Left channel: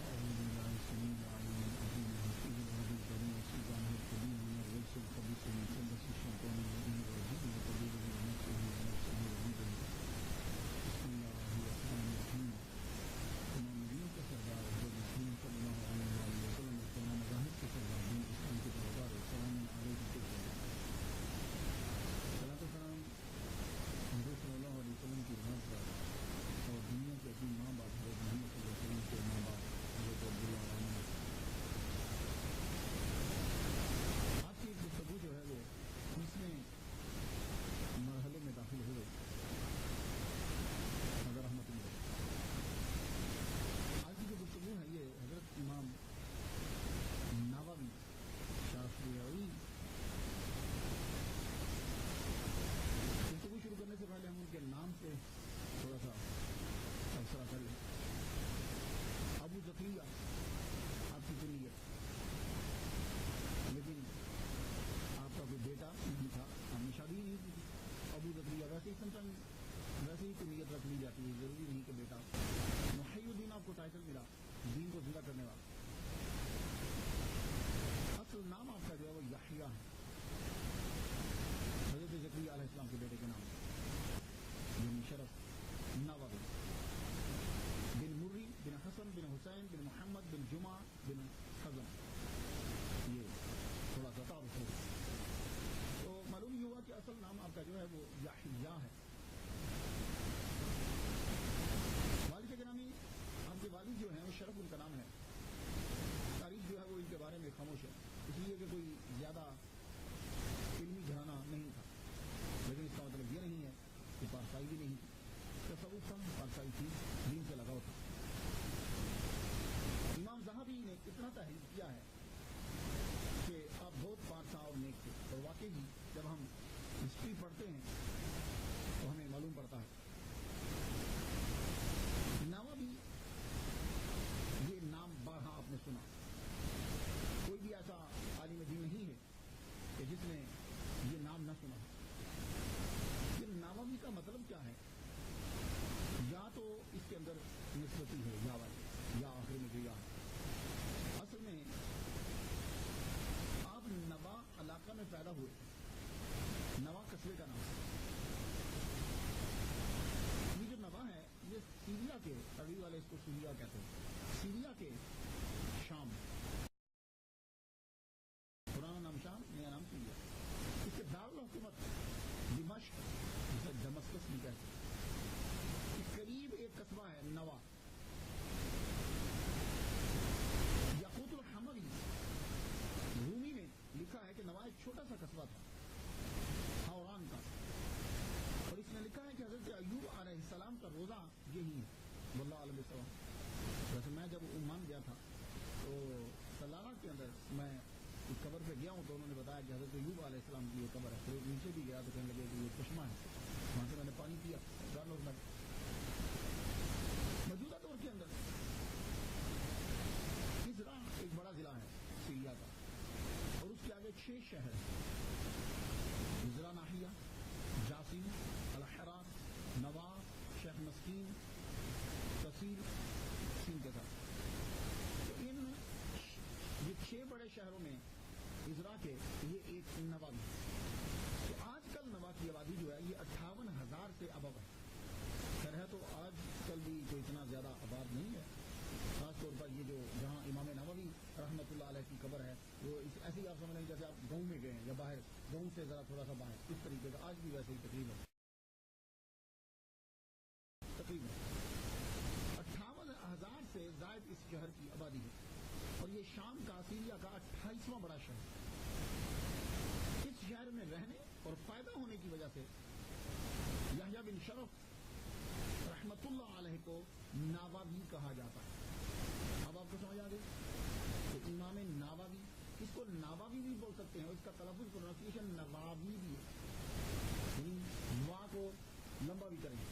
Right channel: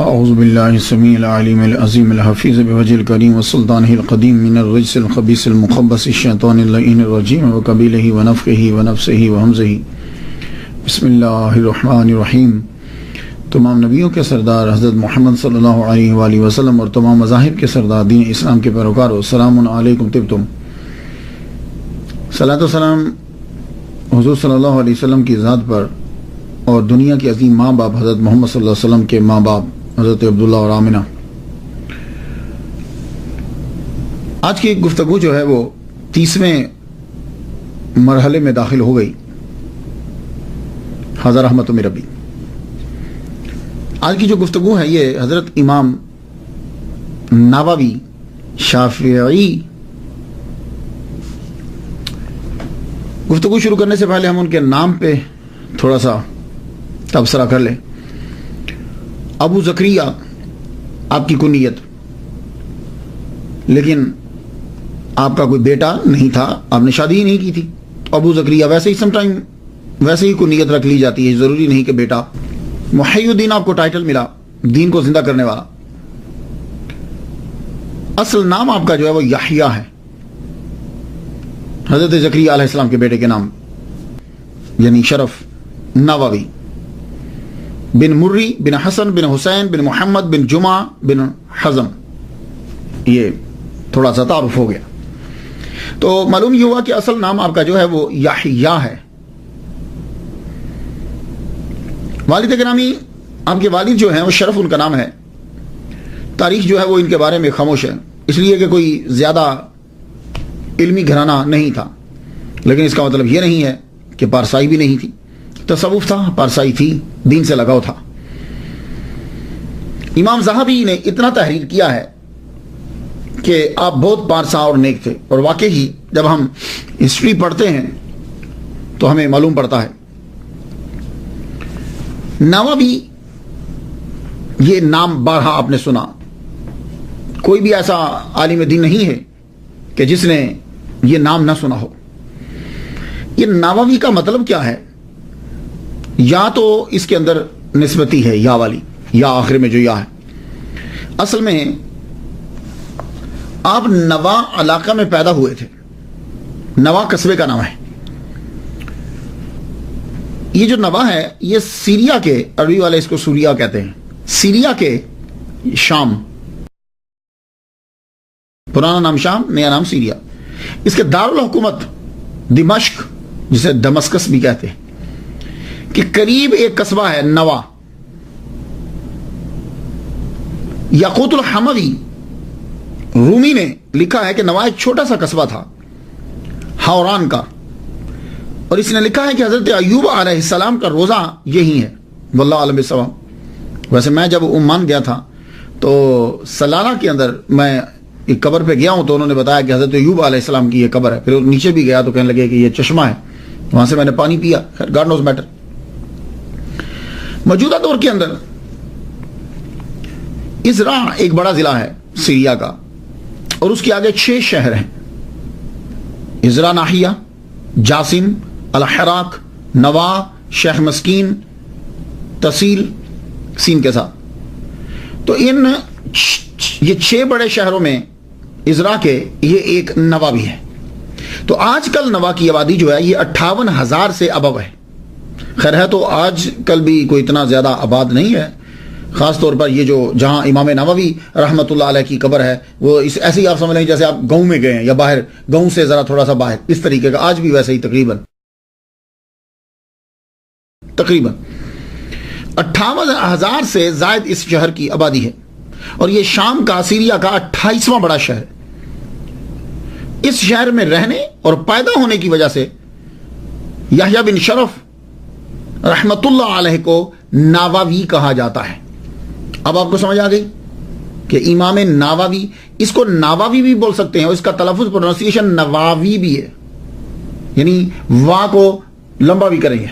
اعوذ باللہ السمیع العلیم العظیم الحفیظ بوجہ الکریم وسلطانہ القدیم من الرجس الخبیث المخبث الشیطان اللعین الرجیم وقبیلہ ونفخہ ونفسہ وہمزہ۔ بسم اللہ الرحمن الرحیم۔ تمام نبیوں کے سردار حضرت محمد صلی اللہ علیہ وآلہ وسلم اور تمام مذاہب کے سردار دین اسلام کے پیروکاروں، السلام علیکم طبتم۔ صلاۃ و سلام حضور صلی اللہ علیہ وسلم کی ذات پر اور دنیا کے عظیم ماں باپ حضرت محمد صلی اللہ علیہ وسلم کے ماں باپ حضرت عبداللہ اور آمنہ۔ آج کی گفتگو جو ہے وہ 30ویں مرحلے میں داخل ہو گئی، حضرت رحمت من ربی۔ آج کی جو گفتگو ہے یہ حضرت امام نووی شافعی۔ گفتگو شروع کرنے سے پہلے ہم ان کے نام پہ تھوڑا سا تبصرہ کر لیں۔ ابو زکریا آپ کی کنیت، لیکن آپ کا کوئی بیٹا نہیں تھا، آپ نے شادی ہی نہیں کی تھی۔ ابو زکریا ویسے ہی سم ٹائم ویسے ہی کنیت رکھ لی جاتی ہے، ضروری نہیں کہ بیٹا۔ محی الدین آپ کو ٹائٹل ملا، دین کو زندہ کرنے والا۔ اصل نام آپ کا جو ہے وہ یحییٰ ہے، حضرت زکریا علیہ السلام کے بیٹے کے نام، یعنی شرف نووی بن مری بن حسن بن حسین بن محمد بن جمعہ بن حزم۔ یہ تھوڑا سا تعارف ہو گیا۔ تو معلوم یہ ہوا کہ اصل نام آپ کا جو ہے وہ یحییٰ ہے۔ والد گرامی، آپ کے والد جو ہیں وہ شرف ان کا نام ہے۔ تاریخ جو ہے وہ ان کے بارے میں خاموش ہے، اس لیے کہ کوئی زیادہ علمی گھرانہ نہیں تھا، لیکن اس کا مطلب یہ نہیں ہے کہ پارسائی بھی نہیں تھی۔ تصوف تھا، پارسائی تھی، دین سے لگاؤ تھا۔ امام زاہبی نے اتنا تحریر کیا ہے کہ آپ بہت پارسا اور نیک تھے، اور واقعی جب ہم ہسٹری پڑھتے ہیں تو ہمیں معلوم پڑتا ہے۔ نووی یہ نام بارہا آپ نے سنا، کوئی بھی ایسا عالم دین نہیں ہے کہ جس نے یہ نام نہ سنا ہو۔ یہ نووی کا مطلب کیا ہے؟ یا تو اس کے اندر نسبتی ہے، یا والی، یا آخر میں جو یا ہے۔ اصل میں آپ نوا علاقہ میں پیدا ہوئے تھے، نوا قصبے کا نام ہے۔ یہ جو نوا ہے یہ سیریا کے، عربی والے اس کو سوریا کہتے ہیں، سیریا کے شام، پرانا نام شام، نیا نام سیریا۔ اس کے دارالحکومت دمشق، جسے دمسکس بھی کہتے ہیں، کہ قریب ایک قصبہ ہے نوا۔ یاقوت الحموی رومی نے لکھا ہے کہ نوا ایک چھوٹا سا قصبہ تھا ہوران کا، اور اس نے لکھا ہے کہ حضرت ایوب علیہ السلام کا روزہ یہی ہے، واللہ عالم بالصواب۔ ویسے میں جب عمان گیا تھا تو سلالہ کے اندر میں ایک قبر پہ گیا ہوں، تو انہوں نے بتایا کہ حضرت ایوب علیہ السلام کی یہ قبر ہے۔ پھر نیچے بھی گیا تو کہنے لگے کہ یہ چشمہ ہے، وہاں سے میں نے پانی پیا۔ God knows better. موجودہ دور کے اندر ازرا ایک بڑا ضلع ہے سیریا کا، اور اس کے آگے 6 شہر ہیں: ازرا ناحیہ، جاسم، الحراق، نوا، شیخ مسکین، تحصیل سین کے ساتھ۔ تو یہ 6 بڑے شہروں میں ازرا کے یہ ایک نوا بھی ہے۔ تو آج کل نوا کی آبادی جو ہے یہ 58,000 سے ابو ہے۔ خیر ہے تو آج کل بھی کوئی اتنا زیادہ آباد نہیں ہے، خاص طور پر یہ جو جہاں امام نووی رحمت اللہ علیہ کی قبر ہے، وہ ایسے ہی آپ سمجھ لیں جیسے آپ گاؤں میں گئے ہیں، یا باہر گاؤں سے ذرا تھوڑا سا باہر، اس طریقے کا آج بھی ویسے ہی تقریباً 58,000 سے زائد اس شہر کی آبادی ہے، اور یہ شام کا، سیریا کا 28واں بڑا شہر۔ اس شہر میں رہنے اور پیدا ہونے کی وجہ سے یحییٰ بن شرف رحمت اللہ علیہ کو نووی کہا جاتا ہے۔ اب آپ کو سمجھ آ گئی کہ امام نووی، اس کو نووی بھی بول سکتے ہیں، اور اس کا تلفظ پروننسیشن نواوی بھی ہے، یعنی وا کو لمبا بھی کریں گے،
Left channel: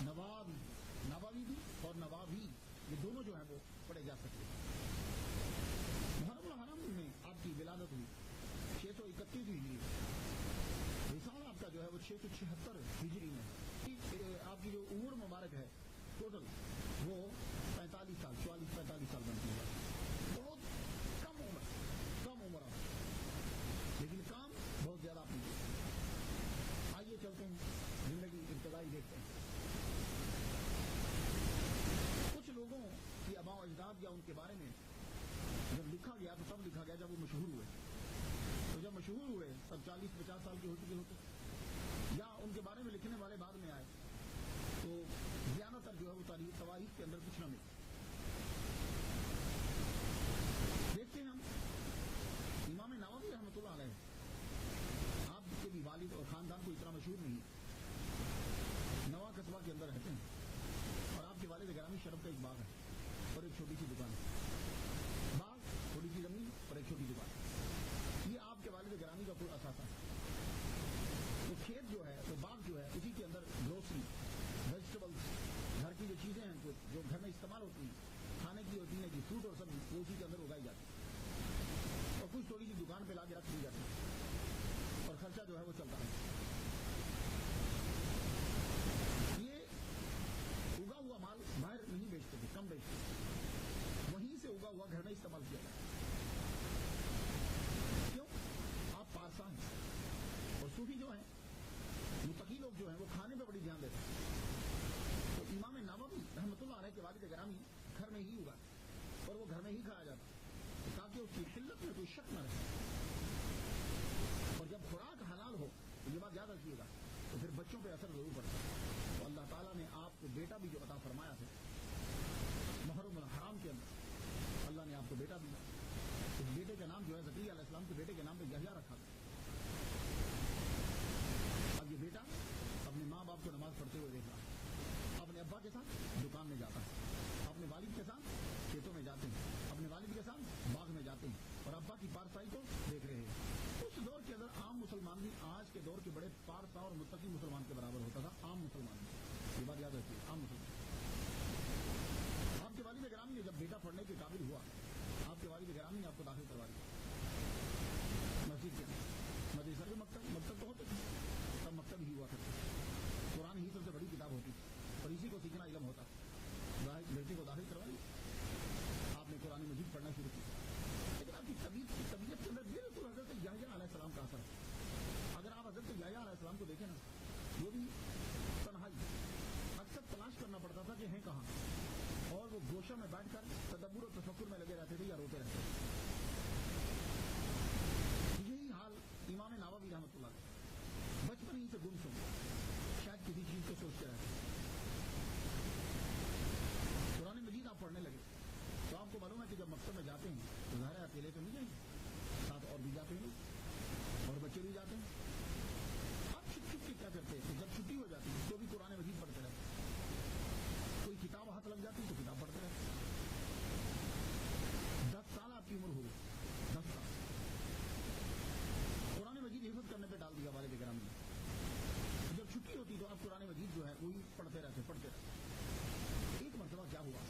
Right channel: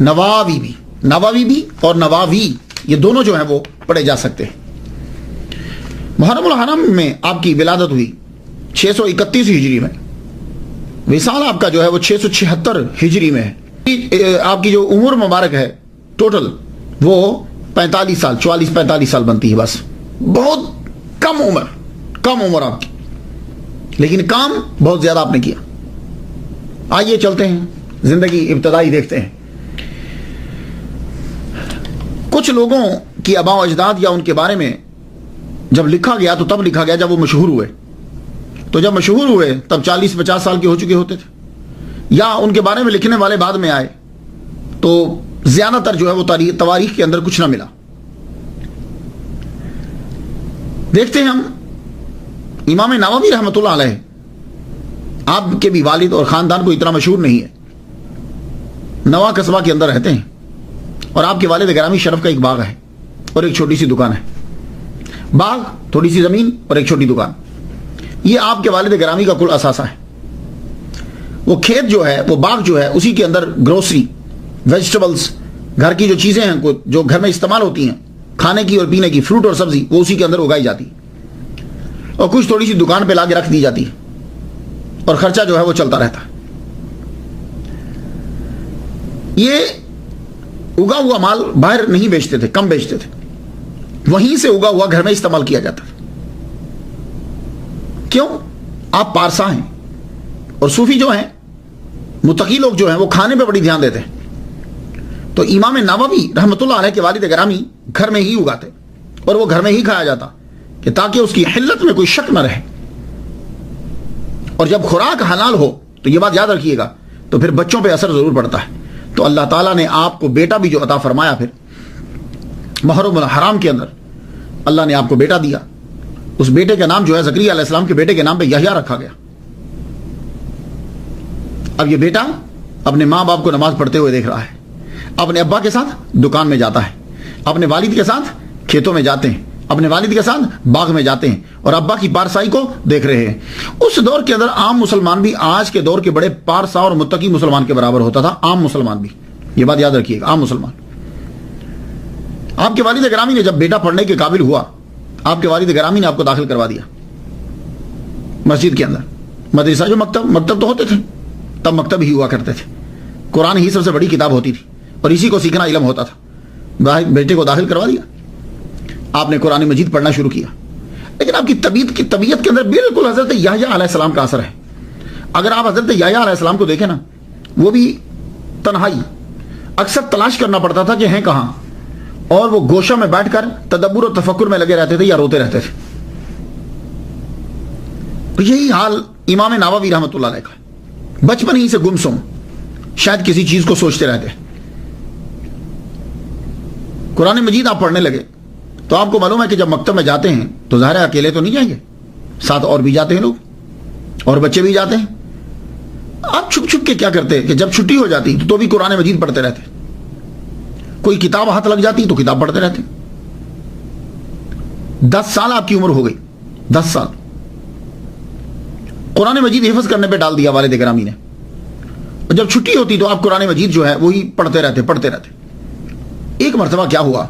نواوی بھی اور نواوی، یہ دونوں جو ہیں وہ پڑھے جا سکتے ہیں۔ محرم الحرم میں آپ کی ولادت ہوئی 631 ہجری میں، وصال آپ کا جو ہے وہ 676 ہجری میں ہے۔ آپ کی جو عمر مبارک ہے ٹوٹل وہ 45 سال 44-45 سال بنتی ہے، بس بہت کم عمر آپ کی، لیکن کام بہت زیادہ آپ نے کیا۔ آئیے چلتے ہیں زندگی ابتدائی دیکھتے ہیں۔ کچھ لوگوں کی آباء و اجداد یا ان کے بارے میں جب لکھا گیا تو تب لکھا گیا جب وہ مشہور ہوئے، تو جب مشہور ہوئے تب 40-50 سال کے ہو چکے ہوتے تھے، یا ان کے بارے میں لکھنے والے بعد میں آئے تو زیادہ تر جو ہے وہ تواریخ کے اندر کچھ نہ ملا۔ دیکھتے ہیں ہم امام نووی رحمۃ اللہ علیہ، آپ کے بھی والد اور خاندان کو اتنا مشہور نہیں ہے، نوا قصبہ کے اندر رہتے ہیں، اور آپ کے والد گرامی شرف کا ایک باغ ہے اور ایک چھوٹی سی دکان ہے۔ باغ، تھوڑی سی زمین اور ایک چھوٹی دکان، یہ آپ کے والد گرامی کا کل اثاثہ ہے۔ وہ کھیت جو ہے، وہ باغ جو ہے، اسی کے اندر گروسری، ویجیٹیبلز، گھر کی جو چیزیں ہیں جو گھر میں استعمال ہوتی ہیں کھانے کی اور پینے کی، فروٹ اور سبزی، وہ اسی کے اندر اگائی جاتی ہے، اور کچھ تھوڑی سی دکان پہ لا کے رکھ دی جاتی ہے، اور خرچہ جو ہے وہ چلتا رہتا ہے۔ یہ اگا ہوا مال باہر نہیں بیچتے تھے، کم بیچتے تھے، وہیں سے اگا ہوا گھر میں استعمال کیا جاتا ہے۔ کیوں؟ آپ پارسا ہیں، اور صوفی جو ہیں، متقی لوگ جو ہیں، وہ کھانے پہ بڑی دھیان دیتے ہیں، تو امام نووی رحمۃ اللہ علیہ کے والد گرامی گھر میں ہی اگاتے، اور وہ گھر میں ہی کھایا جاتا کہ تاکہ اس کی حلت میں کوئی شک نہ رہے، اور جب خوراک حلال ہو تو یہ بات یاد رکھیے گا تو پھر بچوں پہ اثر ضرور پڑتا ہے۔ تو اللہ تعالیٰ نے آپ کو بیٹا بھی جو عطا فرمایا، پھر محرم الحرام کے اندر اللہ نے آپ کو بیٹا دیا، اس بیٹے کا نام جو ہے زکریا علیہ السلام کے بیٹے کے نام پہ یحییٰ رکھا گیا۔ اب یہ بیٹا اپنے ماں باپ کو نماز پڑھتے ہوئے دیکھ رہا ہے، اپنے ابا کے ساتھ دکان میں جاتا ہے، اپنے والد کے ساتھ کھیتوں میں جاتے ہیں، اپنے والد کے ساتھ باغ میں جاتے ہیں، اور ابا کی پارسائی کو دیکھ رہے ہیں۔ اس دور کے اندر عام مسلمان بھی آج کے دور کے بڑے پارسا اور متقی مسلمان کے برابر ہوتا تھا، عام مسلمان بھی، یہ بات یاد رکھیے گا، عام مسلمان۔ آپ کے والد گرامی نے جب بیٹا پڑھنے کے قابل ہوا، آپ کے والد گرامی نے آپ کو داخل کروا دیا مسجد کے اندر۔ مدرسہ جو مکتب تو ہوتے تھے، تب مکتب ہی ہوا کرتے تھے، قرآن ہی سب سے بڑی کتاب ہوتی تھی، اور اسی کو سیکھنا علم ہوتا تھا۔ بیٹے کو داخل کروا دیا، آپ نے قرآن مجید پڑھنا شروع کیا، لیکن آپ کی طبیعت کے اندر بالکل حضرت یحییٰ علیہ السلام کا اثر ہے۔ اگر آپ حضرت یحییٰ علیہ السلام کو دیکھیں نا، وہ بھی تنہائی، اکثر تلاش کرنا پڑتا تھا کہ ہیں کہاں، اور وہ گوشہ میں بیٹھ کر تدبر و تفکر میں لگے رہتے تھے یا روتے رہتے تھے۔ یہی حال امام نووی رحمۃ اللہ علیہ کا، بچپن ہی سے گمسم، شاید کسی چیز کو سوچتے رہتے۔ قرآن مجید آپ پڑھنے لگے تو آپ کو معلوم ہے کہ جب مکتب میں جاتے ہیں تو ظاہر ہے اکیلے تو نہیں جائیں گے، ساتھ اور بھی جاتے ہیں لوگ، اور بچے بھی جاتے ہیں۔ آپ چھپ چھپ کے کیا کرتے کہ جب چھٹی ہو جاتی تو بھی قرآن مجید پڑھتے رہتے، کوئی کتاب ہاتھ لگ جاتی تو کتاب پڑھتے رہتے۔ 10 سال آپ کی عمر ہو گئی، 10 سال قرآن مجید حفظ کرنے پہ ڈال دیا والد گرامی نے، اور جب چھٹی ہوتی تو آپ قرآن مجید جو ہے وہی پڑھتے رہتے۔ ایک مرتبہ کیا ہوا،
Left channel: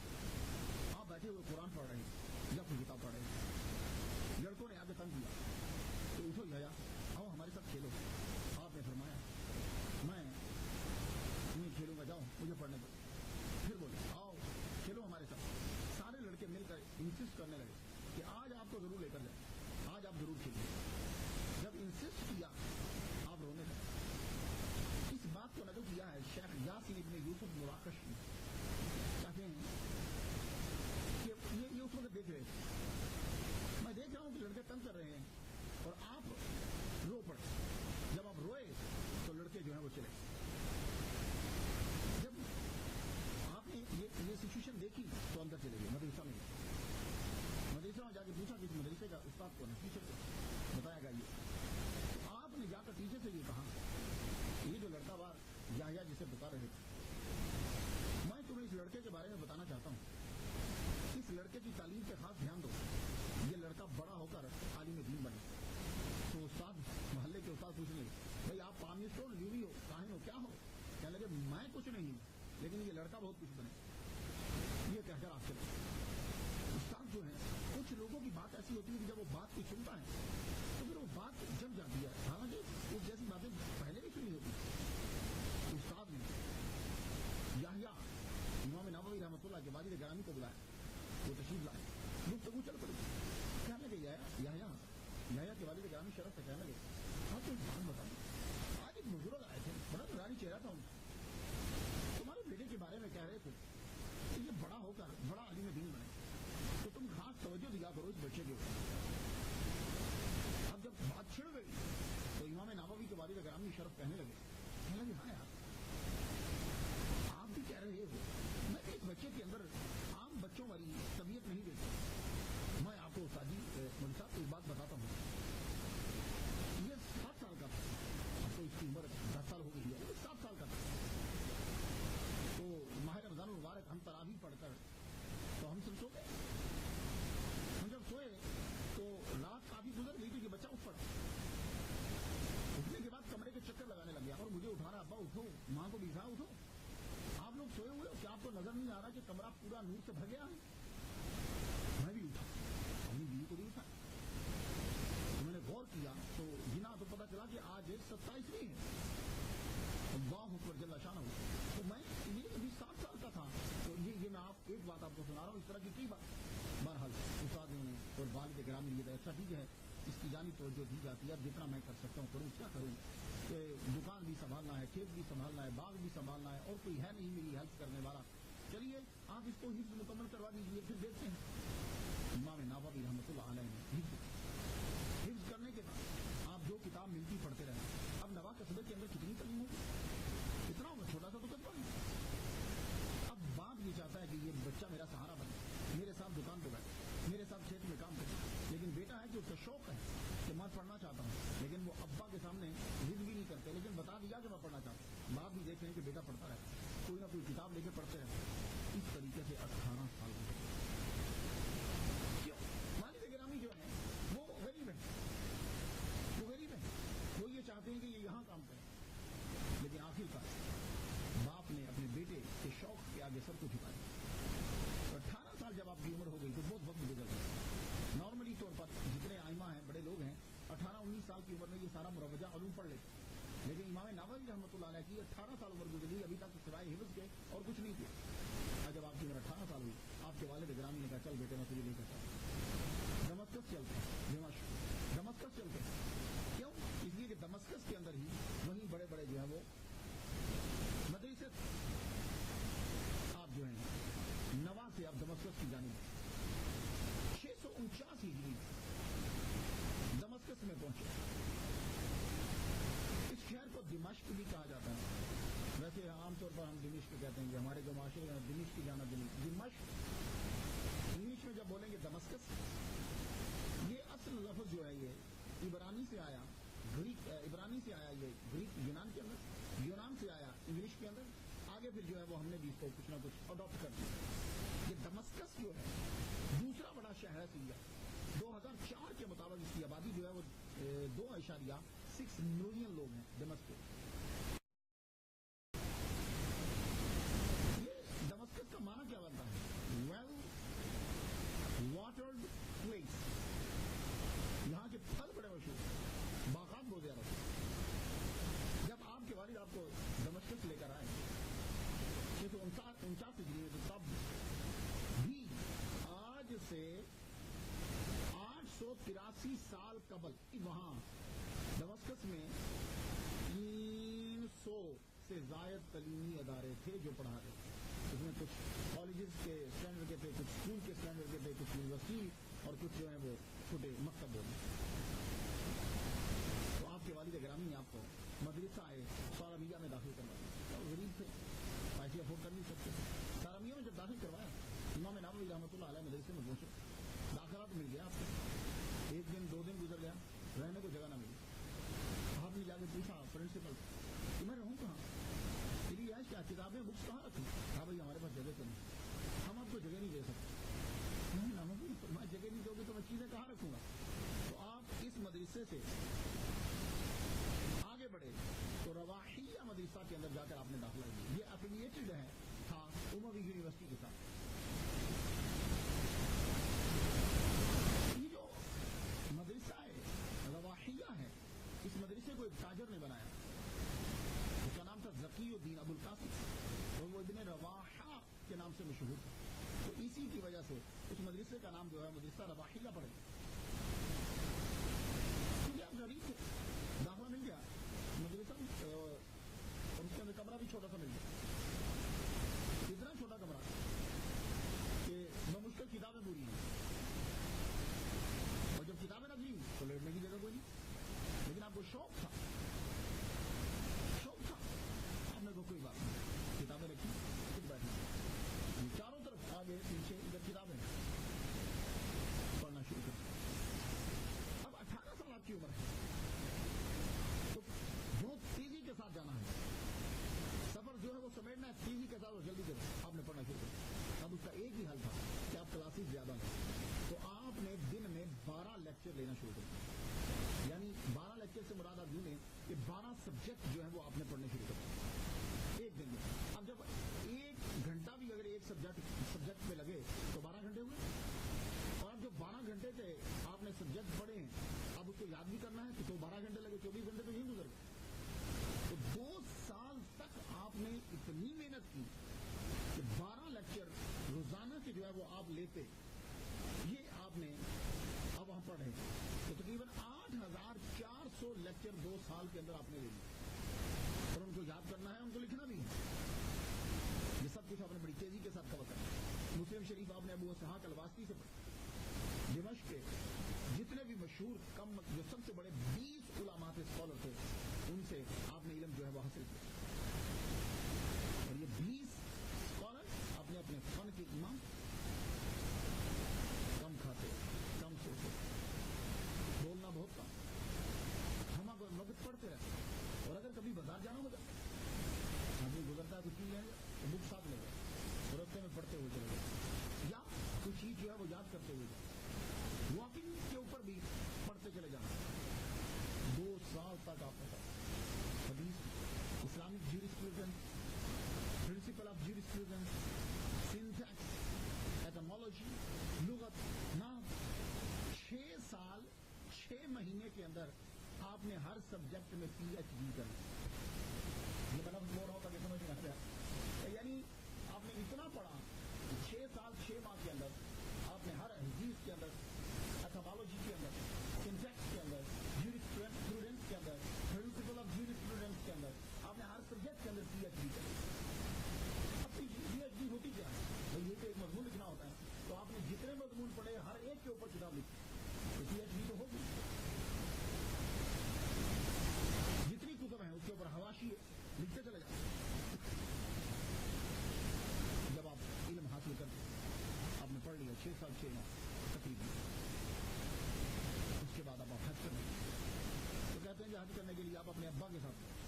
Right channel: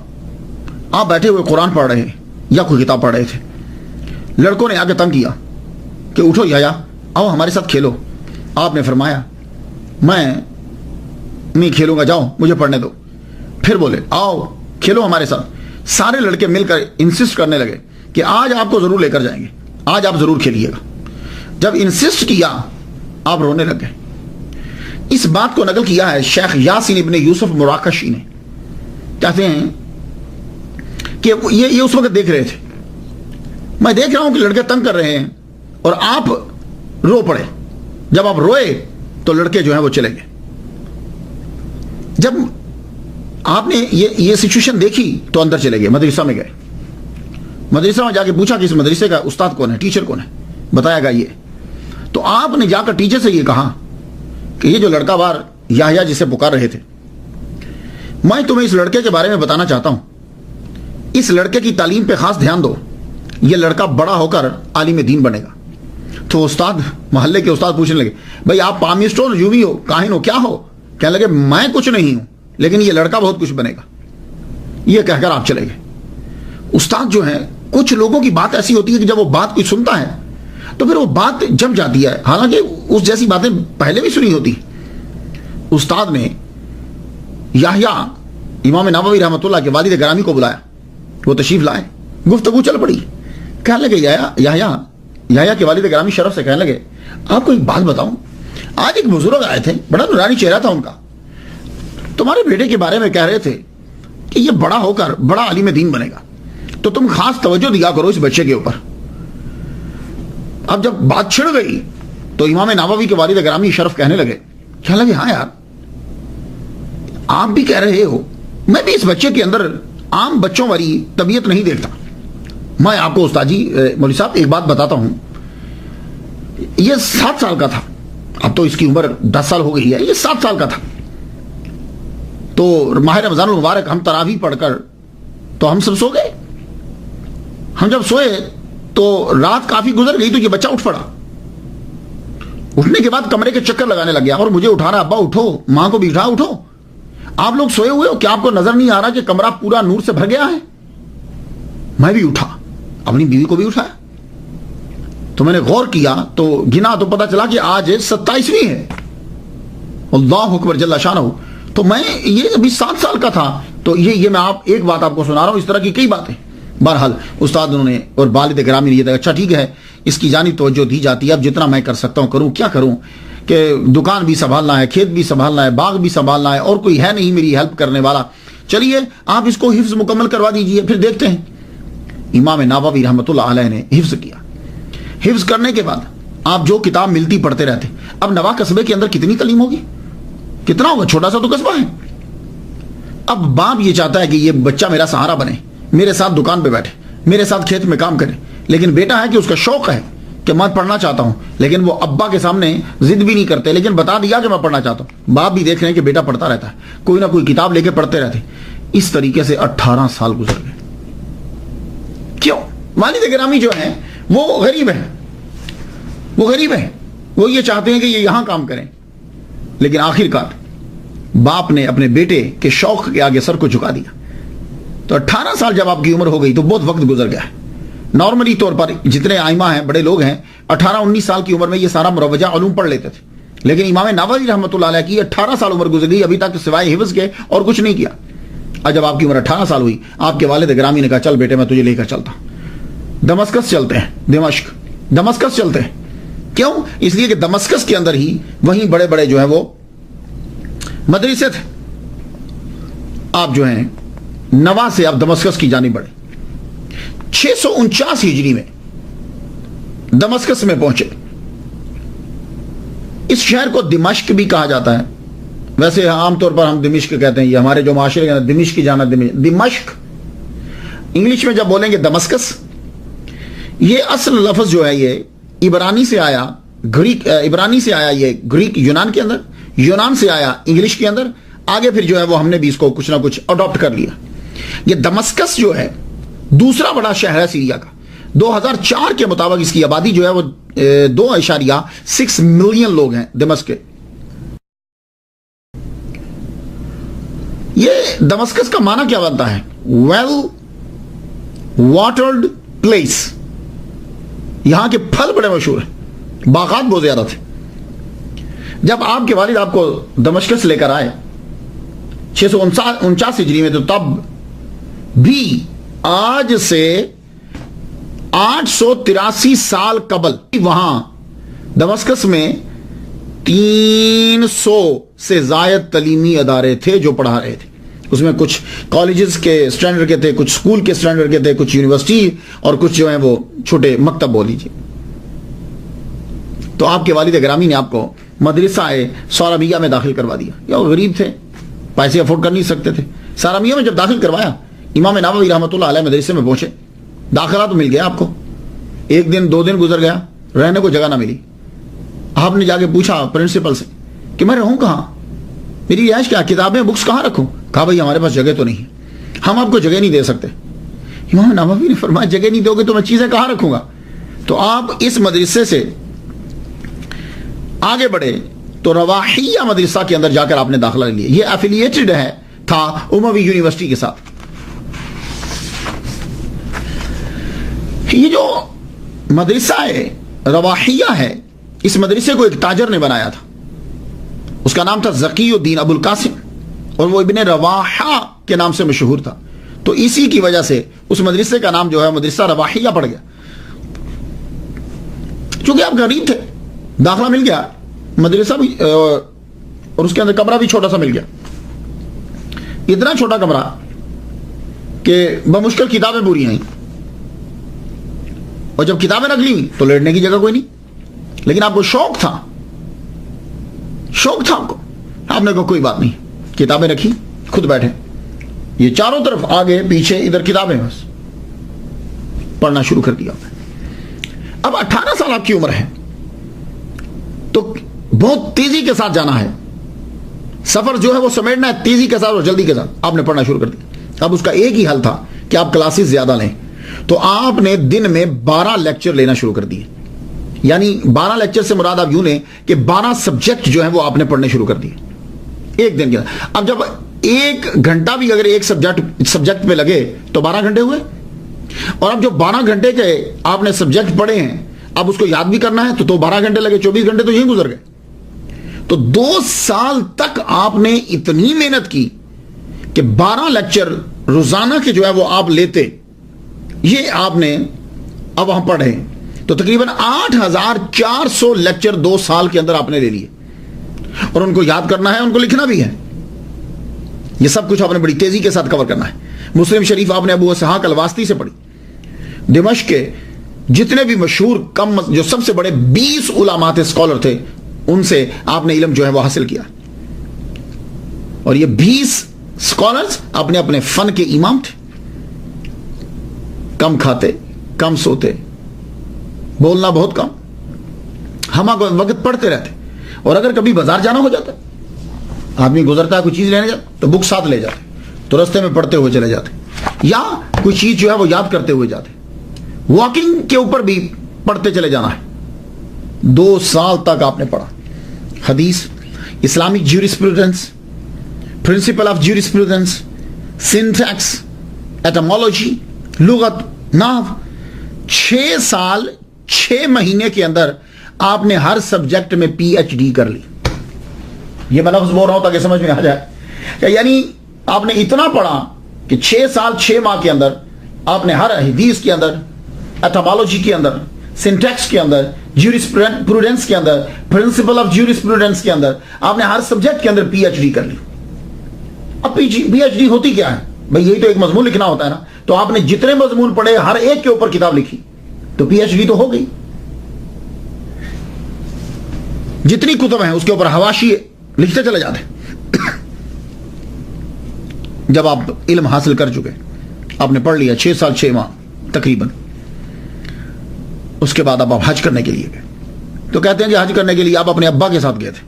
آپ بیٹھے ہوئے قرآن پڑھ رہے یا کوئی کتاب پڑھ رہے تھے، لڑکوں نے آگے تنگ کیا کہ اٹھو یحییٰ، آؤ ہمارے ساتھ کھیلو۔ آپ نے فرمایا میں نہیں کھیلوں گا، جاؤ مجھے پڑھنے دو۔ پھر بولے آؤ کھیلو ہمارے ساتھ۔ سارے لڑکے مل کر انسسٹ کرنے لگے کہ آج آپ کو ضرور لے کر جائیں گے، آج آپ ضرور کھیلیے گا۔ جب انسسٹ کیا آپ رونے لگ گئے۔ اس بات کو نقل کیا ہے شیخ یاسین ابن یوسف مراکشی نے، کہتے ہیں کہ یہ اس وقت دیکھ رہے تھے، میں دیکھ رہا ہوں کہ لڑکے تنگ کر رہے ہیں اور آپ رو پڑے۔ جب آپ روئے تو لڑکے جو ہیں وہ چلے گئے۔ جب آپ نے یہ سچویشن دیکھی تو اندر چلے گئے، مدرسہ میں گئے، مدرسہ میں جا کے پوچھا کہ اس مدرسے کا استاد کون ہے، ٹیچر کون ہے، بتایا گا یہ۔ تو آپ نے جا کر ٹیچر سے یہ کہا کہ یہ جو لڑکا بار یحییٰ جسے پکار رہے تھے، میں تمہیں اس لڑکے کے بارے میں بتانا چاہتا ہوں، اس لڑکے کی تعلیم پہ خاص دھیان دو، یہ لڑکا بڑا ہو کر عالم دین بنے گا۔ تو استاد، محلے کے استاد پوچھنے لگے بھائی آپ پامسٹ ہو، یووی ہو، کاہن ہو، کیا ہو؟ کہنے لگے میں کچھ نہیں ہوں، لیکن یہ لڑکا بہت کچھ بنے گا۔ یہ کہہ کر آپ چلے گئے۔ استاد جو ہیں، کچھ لوگوں کی بات ایسی ہوتی ہے کہ جب وہ بات کوئی سنتا ہے تو پھر وہ بات جم جاتی ہے، حالانکہ اس جیسی باتیں پہلے بھی سنی ہوتی۔ استاد نے یحییٰ امام نووی رحمۃ اللہ کے والد گرامی کو بلایا، وہ تشریف لائے، گفتگو چل پڑی. کہنے لگے یحییٰ کے والد گرامی شرف سے کہنے لگے آپ کو ایک بات بتاؤں، آج ایک بزرگ آئے تھے، بڑا نورانی چہرہ تھا ان کا، تمہارے بیٹے کے بارے میں کہہ رہے تھے کہ یہ بڑا ہو کر بڑا عالم دین بنے گا، تو تم خاص توجہ دیا کرو اس بچے کے اوپر. اب جب بات چھڑ گئی تو امام نووی کے والد گرامی شرف کہنے لگے ہاں یار، آپ بھی کہہ رہے ہو، میں بھی اس بچے کے اندر عام بچوں والی طبیعت نہیں دیکھتا. میں آپ کو استاد جی مولوی صاحب ایک بات بتاتا ہوں، یہ 7 سال کا تھا، اب تو اس کی عمر 10 سال ہو گئی ہے، یہ 7 سال کا تھا. تو ماہ رمضان المبارک ہم تراویح پڑھ کر تو ہم سب سو گئے. ہم جب سوئے تو رات کافی گزر گئی تو یہ بچہ اٹھ پڑا. اٹھنے کے بعد کمرے کے چکر لگانے لگ گیا اور مجھے اٹھا رہا، ابا اٹھو، ماں کو بھی اٹھو، آپ لوگ سوئے ہوئے ہو، کیا آپ کو نظر نہیں آ رہا کہ کمرہ پورا نور سے بھر گیا ہے؟ میں بھی اٹھا، اپنی بیوی کو بھی اٹھایا، تو میں نے غور کیا تو گنا تو پتا چلا کہ آج 27ویں ہے. اللہ اکبر جل شانہ. تو میں یہ ابھی 7 سال کا تھا. تو یہ میں ایک بات آپ کو سنا رہا ہوں، اس طرح کی کئی باتیں. بہرحال استاد انہوں نے اور والد گرامی نے یہ اچھا ٹھیک ہے، اس کی جانب توجہ دی جاتی ہے، اب جتنا میں کر سکتا ہوں کروں، کیا کروں کہ دکان بھی سنبھالنا ہے، کھیت بھی سنبھالنا ہے، باغ بھی سنبھالنا ہے، اور کوئی ہے نہیں میری ہیلپ کرنے والا. چلیے آپ اس کو حفظ مکمل کروا دیجئے، پھر دیکھتے ہیں. امام نووی رحمۃ اللہ علیہ نے حفظ کیا. حفظ کرنے کے بعد آپ جو کتاب ملتی پڑھتے رہتے. اب نواں قصبے کے اندر کتنی تعلیم ہوگی، کتنا ہوگا، چھوٹا سا تو قصبہ ہے. اب باپ یہ چاہتا ہے کہ یہ بچہ میرا سہارا بنے، میرے ساتھ دکان پہ بیٹھے، میرے ساتھ کھیت میں کام کرے. لیکن بیٹا ہے کہ اس کا شوق ہے کہ میں پڑھنا چاہتا ہوں، لیکن وہ ابا کے سامنے ضد بھی نہیں کرتے، لیکن بتا دیا کہ میں پڑھنا چاہتا ہوں. باپ بھی دیکھ رہے ہیں کہ بیٹا پڑھتا رہتا ہے، کوئی نہ کوئی کتاب لے کے پڑھتے رہتے. اس طریقے سے 18 سال گزر گئے. کیوں؟ والد گرامی جو ہیں وہ غریب ہیں، وہ یہ چاہتے ہیں کہ یہ یہاں کام کریں. لیکن آخر کار باپ نے اپنے بیٹے کے شوق کے آگے سر کو جھکا دیا. تو 18 سال جب آپ کی عمر ہو گئی تو بہت وقت گزر گیا ہے. نارملی طور پر جتنے آئمہ ہیں، بڑے لوگ ہیں، 18-19 سال کی عمر میں یہ سارا مروجہ علوم پڑھ لیتے تھے. لیکن امام نووی رحمۃ اللہ علیہ کی 18 سال عمر گزر گئی، ابھی تک سوائے حفظ کے اور کچھ نہیں کیا. اور جب آپ کی عمر 18 سال ہوئی، آپ کے والد گرامی نے کہا چل بیٹے میں تجھے لے کر چلتا ہوں، دمشق چلتے ہیں. دمشق چلتے ہیں. کیوں؟ اس لیے کہ دمشق کے اندر ہی وہیں بڑے بڑے جو ہیں وہ مدرسے تھے. آپ جو ہیں نوا سے آپ دمشق کی جانب بڑھے. 649 ہجری میں دمشق میں پہنچے. اس شہر کو دمشق بھی کہا جاتا ہے، ویسے عام طور پر ہم دمشق کہتے ہیں، یہ ہمارے جو معاشرے کے اندر دمشق کی جانا، دمشق انگلش میں جب بولیں گے دمسکس. یہ اصل لفظ جو ہے یہ عبرانی سے آیا، یہ گریک یونان کے اندر، یونان سے آیا انگلش کے اندر، آگے پھر جو ہے وہ ہم نے بھی اس کو کچھ نہ کچھ اڈاپٹ کر لیا. یہ دمسکس جو ہے دوسرا بڑا شہر ہے سیریا کا. 2004 کے مطابق اس کی آبادی جو ہے وہ 2.6 ملین لوگ ہیں دمشق کے. یہ دمسکس کا معنی کیا بنتا ہے؟ Well watered place. یہاں کے پھل بڑے مشہور ہیں، باغات بہت زیادہ تھے. جب آپ کے والد آپ کو دمشق سے لے کر آئے 649 ہجری میں، تو تب بھی آج سے 883 سال قبل وہاں دمشق میں 300 سے زائد تعلیمی ادارے تھے جو پڑھا رہے تھے. اس میں کچھ کالجز کے سٹینڈرڈ کے تھے، کچھ سکول کے سٹینڈرڈ کے تھے، کچھ یونیورسٹی، اور کچھ جو ہیں وہ چھوٹے مکتب بول لیجیے. تو آپ کے والد گرامی نے آپ کو مدرسہ سارمیہ میں داخل کروا دیا. یا وہ غریب تھے، پیسے افورڈ کر نہیں سکتے تھے. سارمیہ میں جب داخل کروایا، امام نووی رحمۃ اللہ علیہ مدرسے میں پہنچے. داخلہ تو مل گیا آپ کو، 1 دن 2 دن گزر گیا، رہنے کو جگہ نہ ملی. آپ نے جا کے پوچھا پرنسپل سے کہ میں رہوں کہاں، میری رہائش کیا، کتابیں بکس کہاں رکھوں؟ کہا بھائی ہمارے پاس جگہ تو نہیں ہے، ہم آپ کو جگہ نہیں دے سکتے. امام نووی نے فرمایا جگہ نہیں دو گے تو میں چیزیں کہاں رکھوں گا؟ تو آپ اس مدرسے سے آگے بڑھے تو رواحیہ مدرسہ کے اندر جا کر آپ نے داخلہ لیا. یہ ایفیلیٹڈ تھا اموی یونیورسٹی کے ساتھ. یہ جو مدرسہ رواحیہ ہے، اس مدرسے کو ایک تاجر نے بنایا تھا. اس کا نام تھا ذکی الدین ابو القاسم، اور وہ ابن رواحہ کے نام سے مشہور تھا، تو اسی کی وجہ سے اس مدرسے کا نام جو ہے مدرسہ رواحیہ پڑ گیا. چونکہ آپ غریب تھے، داخلہ مل گیا، مدرسہ بھی اور اس کے اندر کمرہ بھی چھوٹا سا مل گیا، اتنا چھوٹا کمرہ کہ بمشکل کتابیں پوری ہیں، اور جب کتابیں رکھ لی تو لیٹنے کی جگہ کوئی نہیں. لیکن آپ کو شوق تھا آپ نے کہا کوئی بات نہیں، کتابیں رکھی، خود بیٹھے، یہ چاروں طرف آگے پیچھے ادھر کتابیں، بس پڑھنا شروع کر دیا. اب 18 سال آپ کی عمر ہے تو بہت تیزی کے ساتھ جانا ہے، سفر جو ہے وہ سمیٹنا ہے تیزی کے ساتھ اور جلدی کے ساتھ. آپ نے پڑھنا شروع کر دیا. اب اس کا ایک ہی حل تھا کہ آپ کلاسز زیادہ لیں، تو آپ نے دن میں 12 لیکچر لینا شروع کر دیے. یعنی 12 لیکچر سے مراد آپ یوں لیں کہ 12 سبجیکٹ جو ہیں وہ آپ نے پڑھنے شروع کر دیے ایک دن کے اندر. اب جب 1 گھنٹہ بھی اگر ایک سبجیکٹ پہ لگے تو 12 گھنٹے ہوئے، اور اب جو 12 گھنٹے کے آپ نے سبجیکٹ پڑھے ہیں اب اس کو یاد بھی کرنا ہے تو 12 گھنٹے لگے، 24 گھنٹے تو یہیں گزر گئے. تو 2 سال تک آپ نے اتنی محنت کی کہ 12 لیکچر روزانہ کے جو ہے وہ آپ لیتے، یہ آپ نے اب وہاں پڑھے تو تقریباً 8400 لیکچر 2 سال کے اندر آپ نے لے لیے، اور ان کو یاد کرنا ہے، ان کو لکھنا بھی ہے. یہ سب کچھ آپ نے بڑی تیزی کے ساتھ کور کرنا ہے. مسلم شریف آپ نے ابو اسحاق الواسطی سے پڑھی. دمشق کے جتنے بھی مشہور جو سب سے بڑے 20 علماء تھے، اسکالر تھے، ان سے آپ نے علم جو ہے وہ حاصل کیا. اور یہ 20 اسکالرز اپنے اپنے فن کے امام تھے. کم کھاتے، کم سوتے، بولنا بہت کم، ہم وقت پڑھتے رہتے. اور اگر کبھی بازار جانا ہو جاتا، آدمی گزرتا ہے کوئی چیز لینے جاتا تو بک ساتھ لے جاتے، تو رستے میں پڑھتے ہوئے چلے جاتے، یا کوئی چیز جو ہے وہ یاد کرتے ہوئے جاتے. واکنگ کے اوپر بھی پڑھتے چلے جانا ہے. 2 سال تک آپ نے پڑھا. حدیث، Islamic jurisprudence, principle of jurisprudence, syntax, ایٹمالوجی، لغت، نحو. 6 سال 6 مہینے کے اندر آپ نے ہر سبجیکٹ میں پی ایچ ڈی کر لی. یہ میں لفظ بول رہا ہوں تاکہ سمجھ میں آ جائے کہ یعنی آپ نے اتنا پڑھا کہ 6 سال 6 ماہ کے اندر آپ نے ہر حدیث کے اندر، ایٹمالوجی کے اندر، سینٹیکس کے اندر، جیورسپروڈنس کے اندر، پرنسپل آف جیورسپروڈنس کے اندر آپ نے ہر سبجیکٹ کے اندر پی ایچ ڈی کر لی. اب پی ایچ ڈی ہوتی کیا ہے بھئی؟ یہی تو ایک مضمون لکھنا ہوتا ہے نا. تو آپ نے جتنے مضمون پڑھے ہر ایک کے اوپر کتاب لکھی تو پی ایچ ڈی تو ہو گئی. جتنی کتب ہیں اس کے اوپر حواشی لکھتے چلے جاتے. جب آپ علم حاصل کر چکے، آپ نے پڑھ لیا 6 سال 6 ماہ تقریباً، اس کے بعد آپ حج کرنے کے لیے گئے. تو کہتے ہیں کہ حج کرنے کے لیے آپ اپنے ابا کے ساتھ گئے تھے،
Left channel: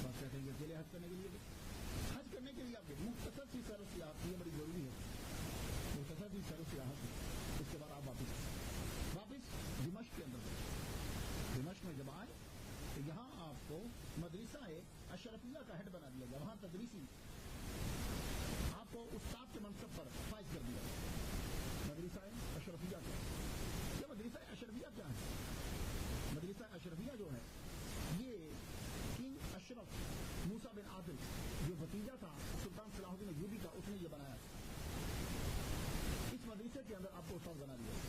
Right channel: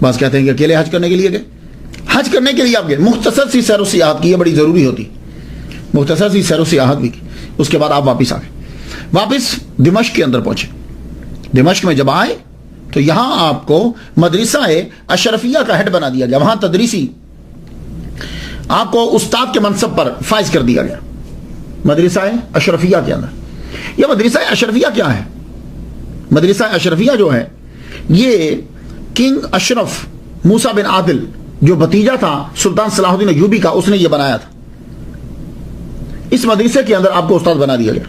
بعض کہتے ہیں کہ اکیلے حج کرنے کے لیے گئے. حج کرنے کے لیے آپ گئے، مختصر سی سیر و سیاحت کی، یہ بڑی ضروری ہوتی، مختصر سی سیر و سیاحت بھی کی. اس کے بعد آپ واپس آ گئے، واپس دمشق کے اندر پہنچے. دمشق میں جب آئے تو یہاں آپ کو مدرسہ اشرفیہ کا ہیڈ بنا دیا گیا. وہاں تدریسی آپ کو استاد کے منصب پر فائز کر دیا گیا مدرسہ اشرفیہ کے اندر. یہ مدرسہ اشرفیہ کیا ہے؟ مدرسہ اشرفیہ جو ہے یہ کنگ اشرف موسیٰ بن عادل جو بھتیجا تھا سلطان صلاح الدین ایوبی کا، اس نے یہ بنایا تھا. اس مدرسے کے اندر آپ کو استاد بنا دیا گیا.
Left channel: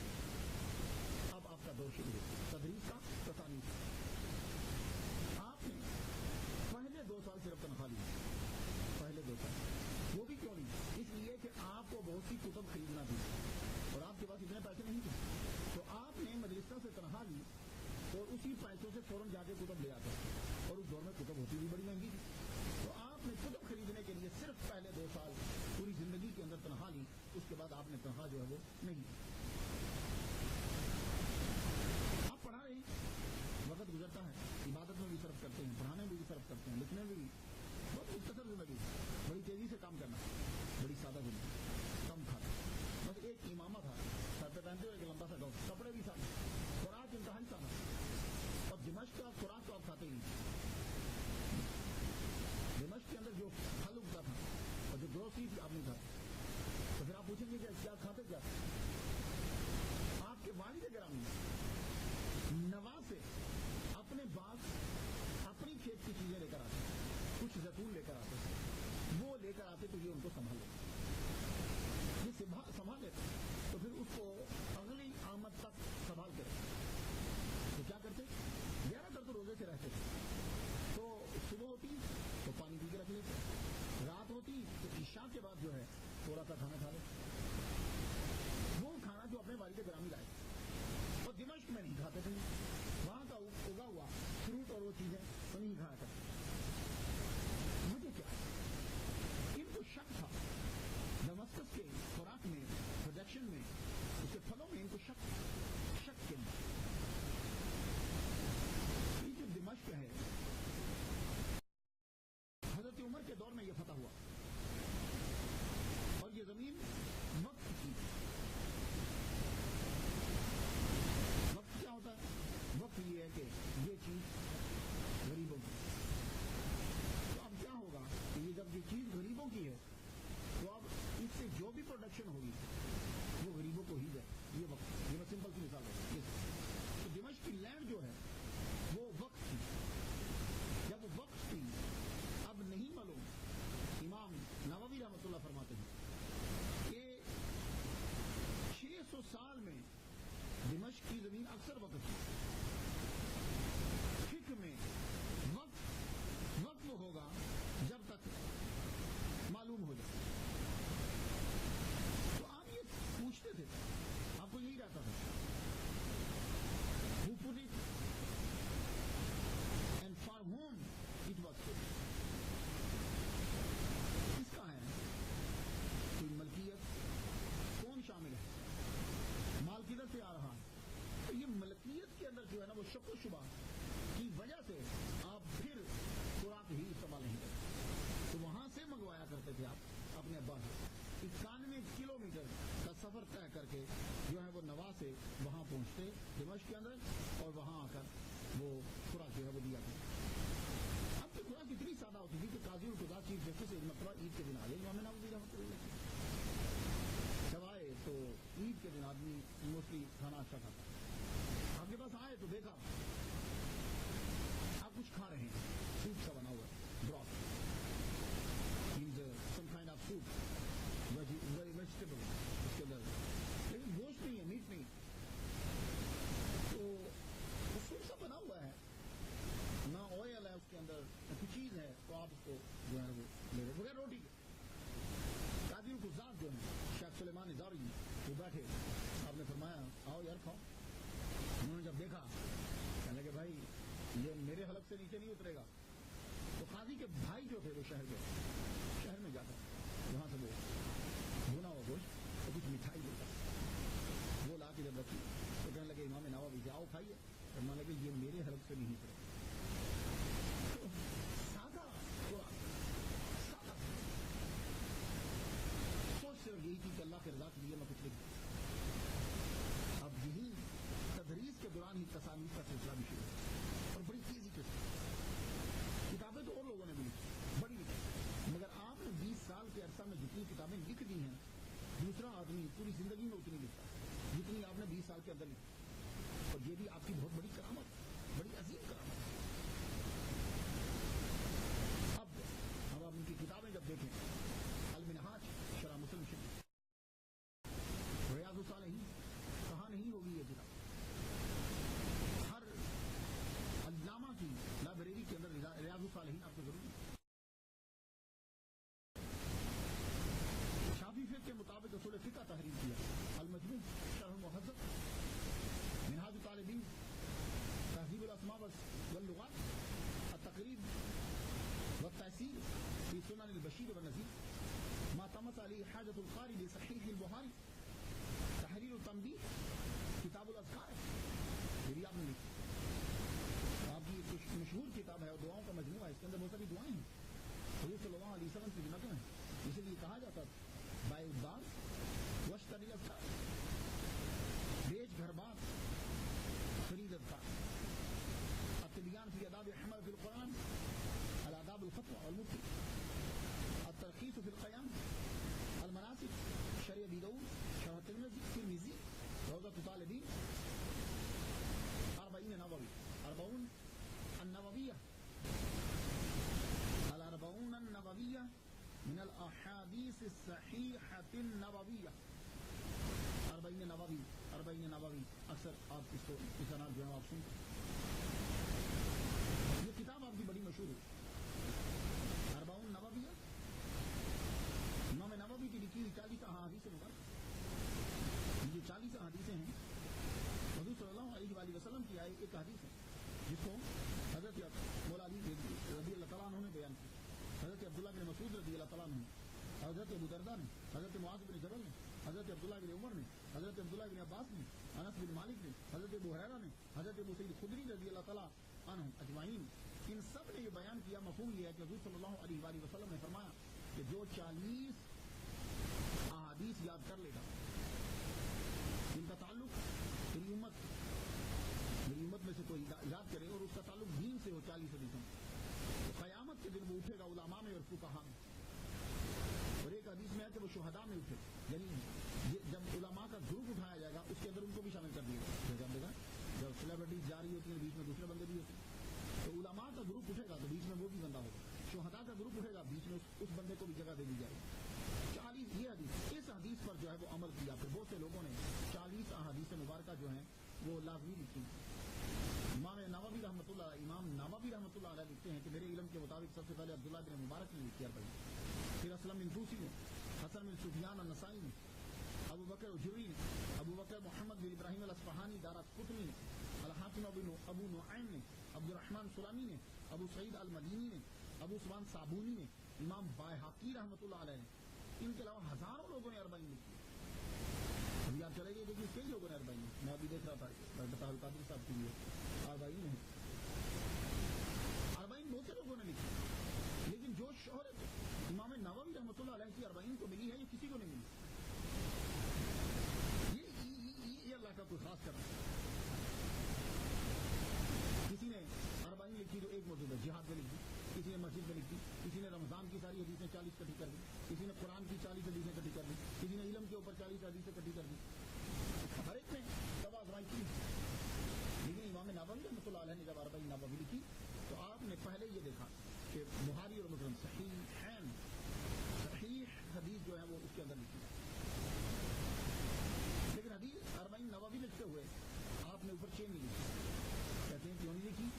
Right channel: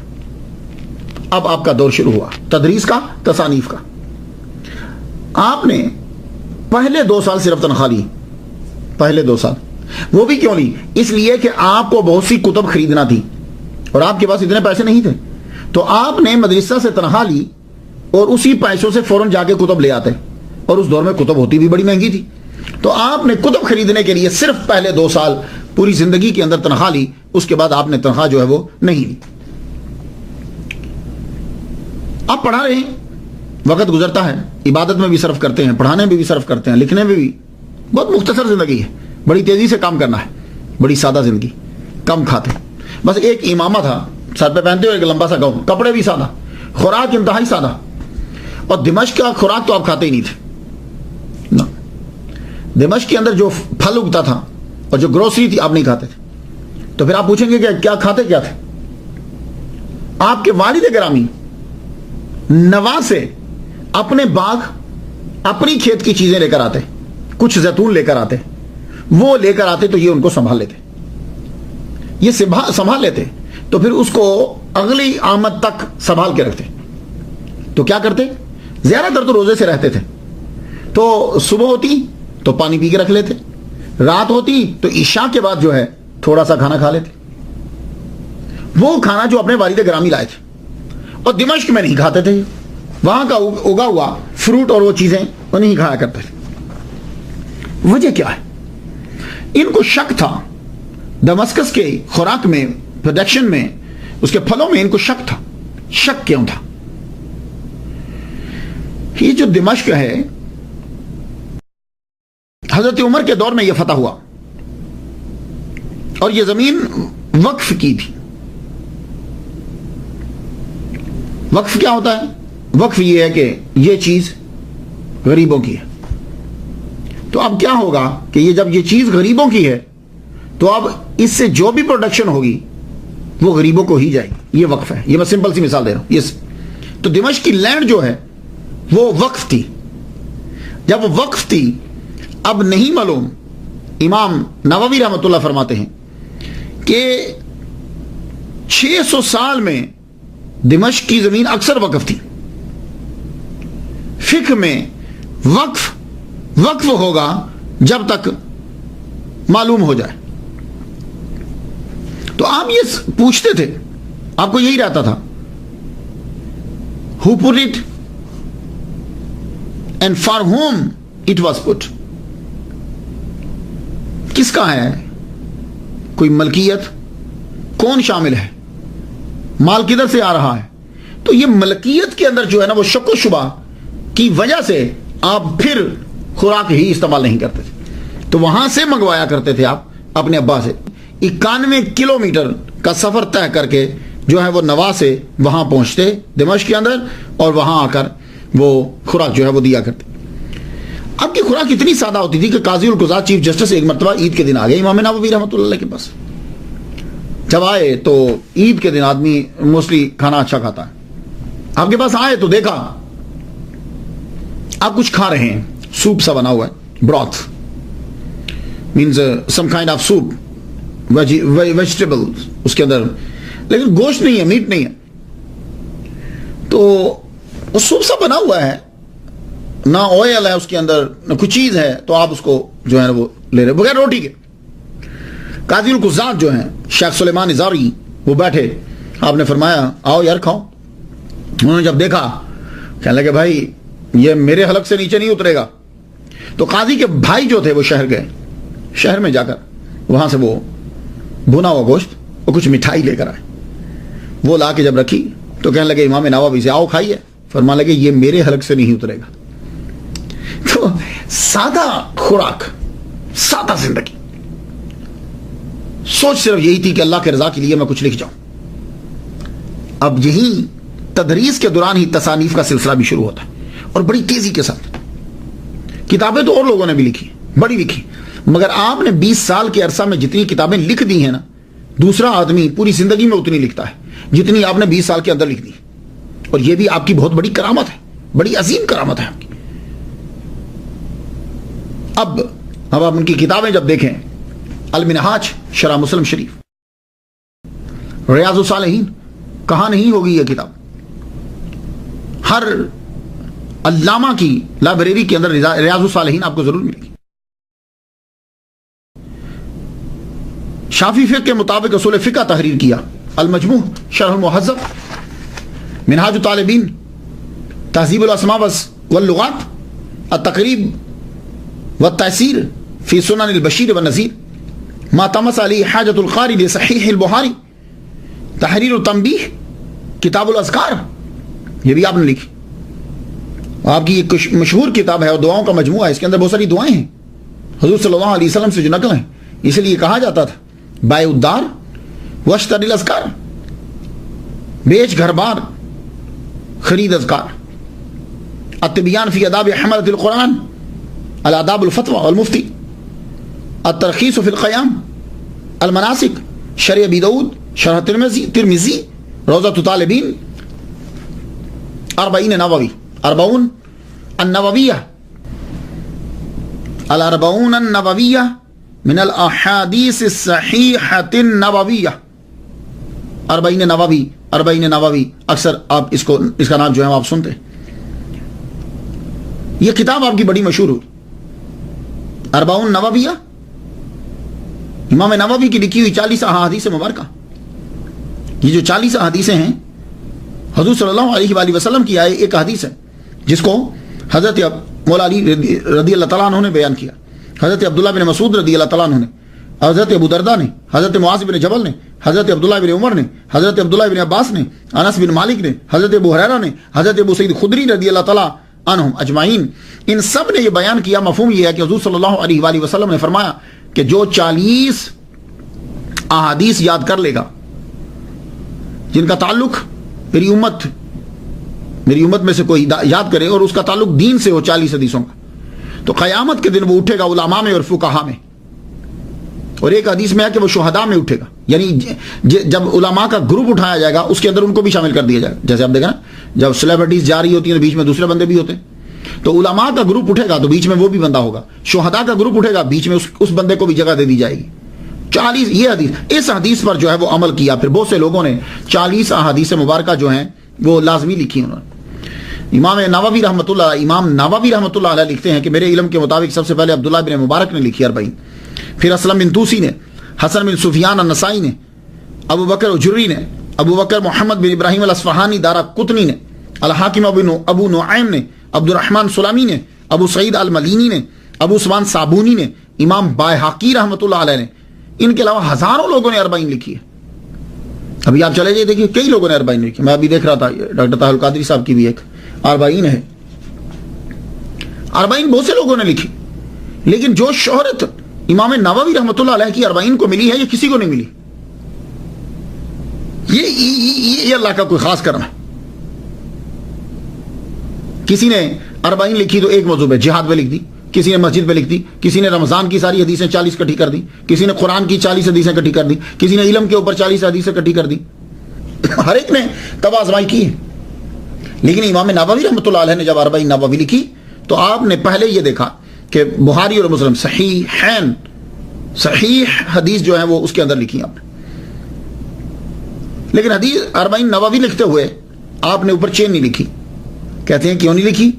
اب آپ کا دور شروع ہوا تدریس کا، تصانیف کا. آپ نے پہلے 2 سال صرف تنخواہ لی، پہلے 2 سال. وہ بھی کیوں لی؟ اس لیے کہ آپ کو بہت سی کتب خریدنا تھی اور آپ کے پاس اتنے پیسے نہیں تھے. تو آپ نے مدرسہ سے تنخواہ لی اور اسی پیسوں سے فوراً جا کے کتب لے آتے، اور اس دور میں کتب ہوتی بھی بڑی مہنگی تھی. تو آپ نے کتب خریدنے کے لیے صرف پہلے 2 سال پوری زندگی کے اندر تنخواہ لی. اس کے بعد آپ نے تنخواہ جو ہے وہ نہیں لی. آپ پڑھا رہے ہیں، وقت گزرتا ہے، عبادت میں بھی صرف کرتے ہیں، پڑھانے میں بھی صرف کرتے ہیں، لکھنے میں بھی. بہت مختصر زندگی ہے، بڑی تیزی سے کام کرنا ہے، بڑی سادہ زندگی، کم کھاتے. بس ایک امامہ تھا سر پہ پہنتے ہوئے، ایک لمبا سا گاؤن، کپڑے بھی سادہ، خوراک انتہائی سادہ. اور دمشق کا خوراک تو آپ کھاتے ہی نہیں تھے. دمشق کے اندر جو پھل اگتا تھا اور جو گروسری تھی آپ نہیں کھاتے تھے. تو پھر آپ پوچھیں گے کہ کیا کھاتے کیا تھے؟ آپ کے والد گرامی نوا سے اپنے باغ، اپنی کھیت کی چیزیں لے کر آتے، کچھ زیتون لے کر آتے، وہ لے کر آتے تو یہ ان کو سنبھال لیتے، یہ سنبھال لیتے تو پھر اس کو اگلی آمد تک سنبھال کے رکھتے. تو کیا کرتے؟ زیادہ تر تو روزے سے رہتے تھے، تو صبح ہوتی تو پانی پی کے رکھ لیتے، رات ہوتی تو عشاء کے بعد جو ہے تھوڑا سا کھانا کھا لیتے، وہ کھانا جو اپنے والد گرامی لائے تھے. اور دمشق میں نہیں کھاتے تھے، وہاں کا اگا ہوا فروٹ اور وہ چیزیں وہ نہیں کھایا کرتے تھے. وجہ کیا ہے؟ ان کو شک تھا دمسکس کے خوراک میں، پروڈکشن میں، اس کے پھلوں میں ان کو شک تھا. شک کیوں تھا؟ یہ جو دمشق ہے حضرت عمر کے دور میں یہ فتح ہوا اور یہ زمین وقف کی تھی. وقف کیا ہوتا ہے؟ وقف یہ ہے کہ یہ چیز غریبوں کی ہے. تو اب کیا ہوگا کہ یہ جب یہ چیز غریبوں کی ہے تو اب اس سے جو بھی پروڈکشن ہوگی وہ غریبوں کو ہی جائے گی. یہ وقف ہے. یہ میں سمپل سی مثال دے رہا ہوں. تو دمشق کی لینڈ جو ہے وہ وقف تھی. جب وہ وقف تھی اب نہیں معلوم، امام نووی رحمۃ اللہ فرماتے ہیں کہ 600 سال میں دمشق کی زمین اکثر وقف تھی. فقہ میں وقف ہوگا جب تک معلوم ہو جائے. تو آپ یہ پوچھتے تھے، آپ کو یہی رہتا تھا who put it and for whom it was put. کس کا ہے؟ کوئی ملکیت کون شامل ہے؟ مال کدھر سے آ رہا ہے؟ تو یہ ملکیت کے اندر جو ہے نا وہ شک و شبہ کی وجہ سے آپ پھر خوراک ہی استعمال نہیں کرتے تھے. تو وہاں سے منگوایا کرتے تھے آپ اپنے ابا سے. 91 کلومیٹر کا سفر طے کر کے جو ہے وہ نوا سے وہاں پہنچتے دمشق کے اندر اور وہاں آ کر وہ خوراک جو ہے وہ دیا کرتے. اب کی خوراک اتنی سادہ ہوتی تھی کہ قاضی القضات چیف جسٹس ایک مرتبہ عید کے دن آ گئے امام نووی رحمۃ اللہ کے پاس. جب آئے تو عید کے دن آدمی موسٹلی کھانا اچھا کھاتا ہے. آپ کے پاس آئے تو دیکھا آپ کچھ کھا رہے ہیں، سوپ سا بنا ہوا ہے، broth means some kind of soup, vegetable اس کے اندر، لیکن گوشت نہیں ہے، میٹ نہیں ہے. تو وہ سوپ سا بنا ہوا ہے، نہ آئل ہے اس کے اندر، نہ کچھ چیز ہے، تو آپ اس کو جو ہے وہ لے رہے بغیر روٹی کے. قاضی القضات جو ہیں شیخ سلیمان ازاری وہ بیٹھے، آپ نے فرمایا آؤ یار کھاؤ. انہوں نے جب دیکھا کہنے لگے بھائی یہ میرے حلق سے نیچے نہیں اترے گا. تو قاضی کے بھائی جو تھے وہ شہر گئے، شہر میں جا کر وہاں سے وہ بھنا ہوا گوشت اور کچھ مٹھائی لے کر آئے. وہ لا کے جب رکھی تو کہنے لگے امام نووی سے آؤ کھائیے. فرمانے لگے یہ میرے حلق سے نہیں اترے گا. تو سادہ خوراک، سادہ زندگی، سوچ صرف یہی تھی کہ اللہ کے رضا کے لیے میں کچھ لکھ جاؤں. اب یہی تدریس کے دوران ہی تصانیف کا سلسلہ بھی شروع ہوتا ہے اور بڑی تیزی کے ساتھ. کتابیں تو اور لوگوں نے بھی لکھی، بڑی لکھی، مگر آپ نے 20 سال کے عرصہ میں جتنی کتابیں لکھ دی ہیں نا، دوسرا آدمی پوری زندگی میں اتنی لکھتا ہے جتنی آپ نے 20 سال کے اندر لکھ دی. اور یہ بھی آپ کی بہت بڑی کرامت ہے، بڑی عظیم کرامت ہے آپ کی. اب آپ ان کی کتابیں جب دیکھیں، المنہاج شرح مسلم شریف، ریاض الصالحین، کہاں نہیں ہوگی یہ کتاب؟ ہر علامہ کی لائبریری کے اندر ریاض الصالحین آپ کو ضرور ملے گی. شافعی فقہ کے مطابق اصول فقہ تحریر کیا، المجموع شرح المہذب، منہاج الطالبین، تہذیب الاسماء واللغات، التقریب والتأثیر فی سنن البشیر والنذیر، ما تمس علی حاجت القاری لصحیح البخاری، تحریر التنبیہ، کتاب الاذکار، یہ بھی آپ نے لکھی. آپ کی ایک مشہور کتاب ہے اور دعاؤں کا مجموعہ ہے، اس کے اندر بہت ساری دعائیں ہیں حضور صلی اللہ علیہ وسلم سے جو نقل ہیں. اس لیے کہا جاتا تھا بائع الدار واشتری الاذکار، بیچ گھر بار خرید اذکار. التبیان فی آداب حملۃ القرآن، الآداب الفتوى والمفتی، الترخیص فی القیام، المناسک، شرح ابی داؤد، شرح ترمذی، روضۃ الطالبین، 40 نووی، 40 النوویہ، الاربعون النوویہ، من الاحادیث الصحیحۃ النبویہ، اربعین نووی، اربعین نووی، اکثر آپ اس کا نام جو ہے آپ سنتے ہیں. یہ کتاب آپ کی بڑی مشہور ہوئی، اربعون نوویہ، امام نووی کی لکھی ہوئی 40 احادیث مبارکہ. یہ جو 40 احادیثیں ہیں حضور صلی اللہ علیہ وآلہ وسلم کی آئے ایک حدیث ہے جس کو حضرت مولا علی رضی اللہ تعالیٰ عنہ نے بیان کیا، حضرت عبداللہ بن مسعود رضی اللہ تعالیٰ عنہ نے، حضرت ابو درداء نے، حضرت معاذ بن جبل نے، حضرت عبداللہ بن عمر نے، حضرت عبداللہ بن عباس نے، انس بن مالک نے، حضرت ابو ہریرہ نے، حضرت ابو سعید خدری رضی اللہ تعالیٰ عنہم اجمعین. ان سب نے یہ بیان کیا. مفہوم یہ ہے کہ حضور صلی اللہ علیہ وآلہ وسلم نے فرمایا کہ جو 40 احادیث یاد کر لے گا جن کا تعلق میری امت میں سے کوئی یاد کرے اور اس کا تعلق دین سے ہو 40 حدیثوں کا، تو قیامت کے دن وہ اٹھے گا علماء میں اور فقہاء میں. اور ایک حدیث میں ہے کہ وہ شہداء میں اٹھے گا، یعنی جب علماء کا گروپ اٹھایا جائے گا اس کے اندر ان کو بھی شامل کر دیا جائے گا. جیسے آپ دیکھیں نا جب سیلیبریٹیز جا رہی ہوتی ہیں تو بیچ میں دوسرے بندے بھی ہوتے ہیں، تو علماء کا گروپ اٹھے گا تو بیچ میں وہ بھی بندہ ہوگا، شہداء کا گروپ اٹھے گا بیچ میں اس بندے کو بھی جگہ دے دی جائے گی. 40 یہ حدیث، اس حدیث پر جو ہے وہ عمل کیا. پھر بہت سے لوگوں نے 40 احادیث مبارکہ جو ہیں وہ لازمی لکھی انہوں نے. امام نووی رحمۃ اللہ علیہ لکھتے ہیں کہ میرے علم کے مطابق سب سے پہلے عبداللہ بن مبارک نے لکھی 40، پھر اسلم بن توسی نے، حسن بن سفیان النسائی نے، ابو بکر اجری نے، ابو بکر محمد بن ابراہیم الاصفہانی دارا قطنی نے، الحاکم ابو نعیم نے، عبد الرحمن سلامی نے، ابو سعید الملینی نے، ابو عثمان صابونی نے، امام بائحقی رحمۃ اللہ علیہ نے. ان کے علاوہ ہزاروں لوگوں نے 40 لکھی ہے. ابھی آپ چلے جائے دیکھیے کئی لوگوں نے 40 لکھی. میں ابھی دیکھ رہا تھا ڈاکٹر طاہر القادری صاحب کی بھی ایک 40 ہے. 40 بہت سے لوگوں نے لکھی، لیکن جو شہرت امام نووی رحمۃ اللہ علیہ کی 40 کو ملی ہے یہ کسی کو نہیں ملی. یہ اللہ کا کوئی خاص کرم ہے. کسی نے 40 لکھی تو ایک موضوع پہ جہاد پہ لکھ دی، کسی نے مسجد پہ لکھ دی، کسی نے رمضان کی ساری حدیثیں 40 کٹھی کر دی، کسی نے قرآن کی 40 حدیثیں کٹھی کر دی، کسی نے علم کے اوپر 40 حدیثیں کٹھی کر دی. ہر ایک نے تباہ آزمائی کی ہے. لیکن امام نووی رحمۃ اللہ علیہ نے جب 40 نووی لکھی تو آپ نے پہلے یہ دیکھا کہ بخاری اور مسلم صحیح حدیث جو ہیں وہ اس کے اندر لکھی آپ نے. لیکن حدیث 40 نووی لکھتے ہوئے آپ نے اوپر چین نہیں لکھی. کہتے ہیں کیوں نہیں لکھی؟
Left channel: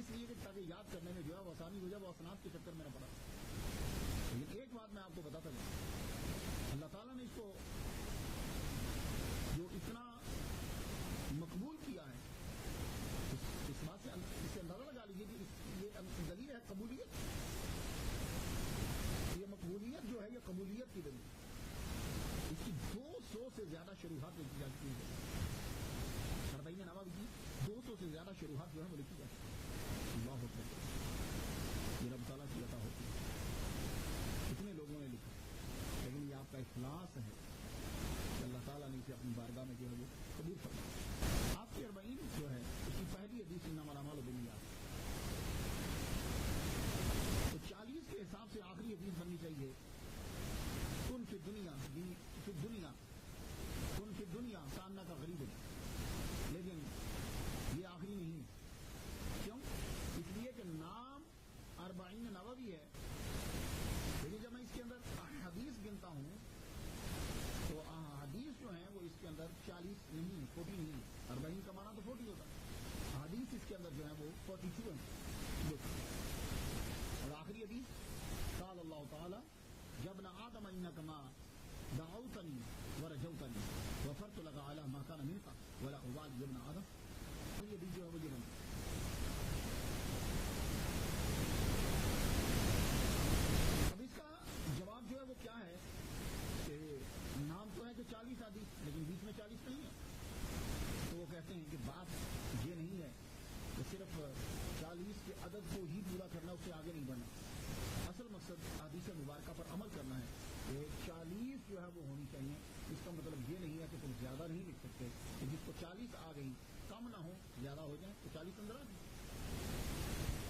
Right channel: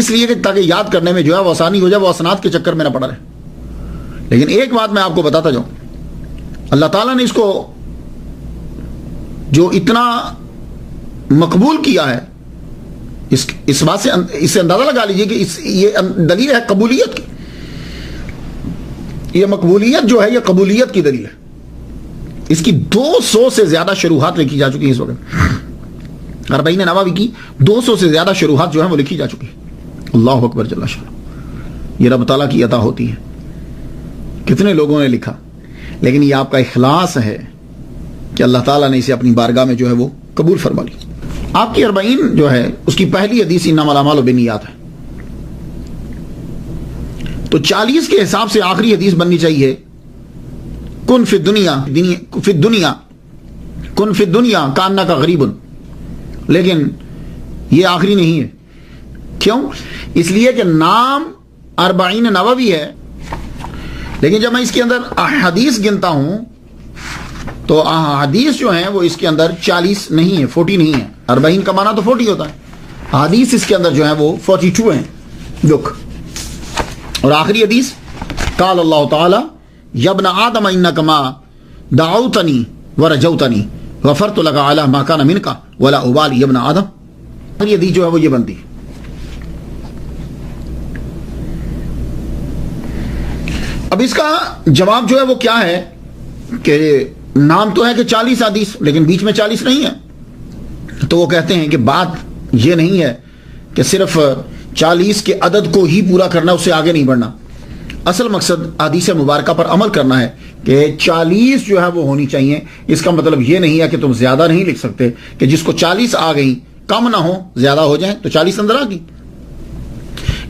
اس لیے کہ تاکہ یاد کرنے میں جو ہے وہ آسانی ہو جائے، وہ اسناد کے چکر میں نہ پڑا رہے. لیکن ایک بات میں آپ کو بتاتا جاؤں، اللہ تعالیٰ نے اس کو جو اتنا مقبول کیا ہے، اس بات سے اس سے اندازہ لگا لیجئے کہ یہ دلیل ہے قبولیت کی. یہ مقبولیت جو ہے یہ قبولیت کی دلیل ہے. اس کی 200 سے زیادہ شروحات لکھی جا چکی ہیں اس وقت. 40 نووی کی 200 سے زیادہ شروحات جو ہیں وہ لکھی جا چکی ہیں. اللہ اکبر جل شانہ. یہ رب تعالیٰ کی عطا ہوتی ہے. کتنے لوگوں نے لکھا، لیکن یہ آپ کا اخلاص ہے کہ اللہ تعالیٰ نے اسے اپنی بارگاہ میں جو ہے وہ قبول فرما لی. آپ کی 40 جو ہے اس کی پہلی حدیث انما الاعمال بالنیات ہے. تو 40 کے حساب سے آخری حدیث بننی چاہیے کن فی الدنیا کانک غریب. لیکن یہ آخری نہیں ہے. کیوں؟ اس لیے کہ نام 40 نووی ہے، لیکن جب میں اس کے اندر احادیث گنتا ہوں تو احادیث جو ہیں وہ اس کے اندر 40 نہیں ہے، 40 نہیں ہے. 40 کا معنی تو 40 ہوتا ہے. حدیث اس کے اندر جو ہیں وہ 42 ہیں. لک، اور آخری حدیث قال اللہ تعالی یا ابن آدم انک ما دعوتنی ورجوتنی غفرت لک علی ما کان منک ولا ابالی یا ابن آدم. آخری حدیث جو ہے وہ یہ بنتی ہے. اب اس کا جواب جو ہے وہ کیا ہے کہ نام تو ہے کہ 40 حدیث، لیکن بیچ میں 40 نہیں ہے. تو وہ کہتے ہیں کہ بات یہ نہیں ہے کہ صرف 40 کے عدد کو ہی پورا کرنا، اس سے آگے نہیں بڑھنا. اصل مقصد حدیث مبارکہ پر عمل کرنا ہے کہ 40 جو ہے وہ ہونی چاہیے. اس کا مطلب یہ نہیں ہے کہ تم زیادہ نہیں لکھ سکتے، کہ جس کو 40 آ گئی کم نہ ہو زیادہ ہو جائیں تو 40 اندر آ گئی.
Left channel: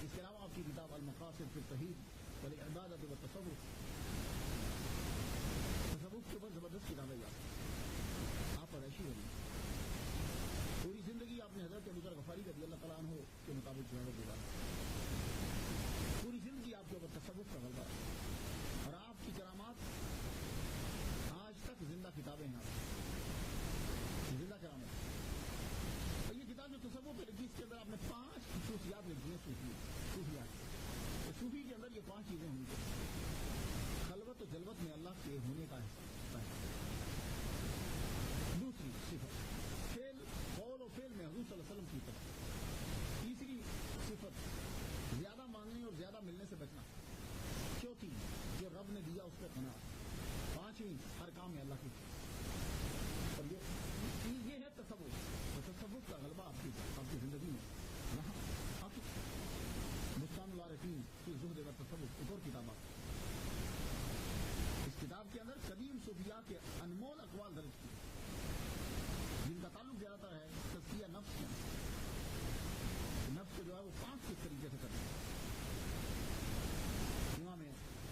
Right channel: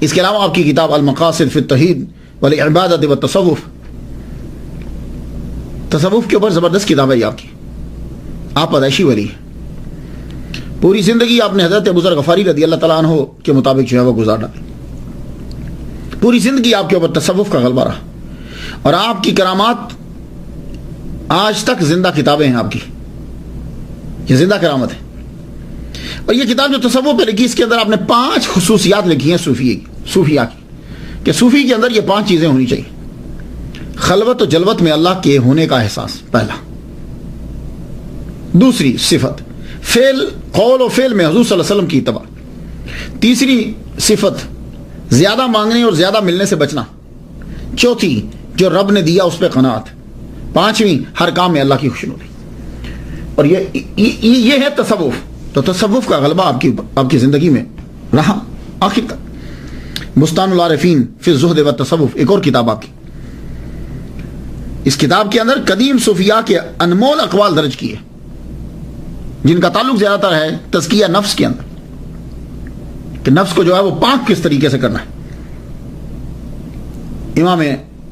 اس کے علاوہ آپ کی کتاب المقاصد فی التوحید والعبادۃ والتصوف، تصوف کے اوپر زبردست کتاب ہے آپ کی. آپ پیدائشی ولی ہیں. پوری زندگی آپ نے حضرت ابو ذر غفاری رضی اللہ تعالیٰ عنہ کے مطابق جو ہے وہ گزار ڈالی. پوری زندگی آپ کے اوپر تصوف کا غلبہ رہا. اور آپ کی کرامات آج تک زندہ کتابیں ہیں آپ کی، یہ زندہ کرامت ہے۔ اور یہ کتاب جو تصوف پہ لکھی، اس کے اندر آپ نے 5 خصوصیات لکھی ہیں صوفیہ کی، کہ صوفی کے اندر یہ 5 چیزیں ہونی چاہیے۔ خلوت و جلوت میں اللہ کے ہونے کا احساس، پہلا۔ دوسری صفت قول و فعل میں حضور صلی اللہ علیہ وسلم کی اتباع۔ تیسری صفت زیادہ مانگنے اور زیادہ ملنے سے بچنا۔ چوتھی جو رب نے دیا اس پہ قناعت۔ پانچویں ہر کام میں اللہ کی خوشنودی۔ اور یہ ہے تصوف۔ تو تصوف کا غلبہ آپ کی زندگی میں رہا آخر تک۔ بستان العارفین فی الزہد و تصوف ایک اور کتاب آپ کی، اس کتاب کے اندر قدیم صوفیاء کے انمول اقوال درج کیے، جن کا تعلق زیادہ تر ہے تزکیہ نفس کے اندر، کہ نفس کو جو ہے وہ پاک کس طریقے سے کرنا ہے۔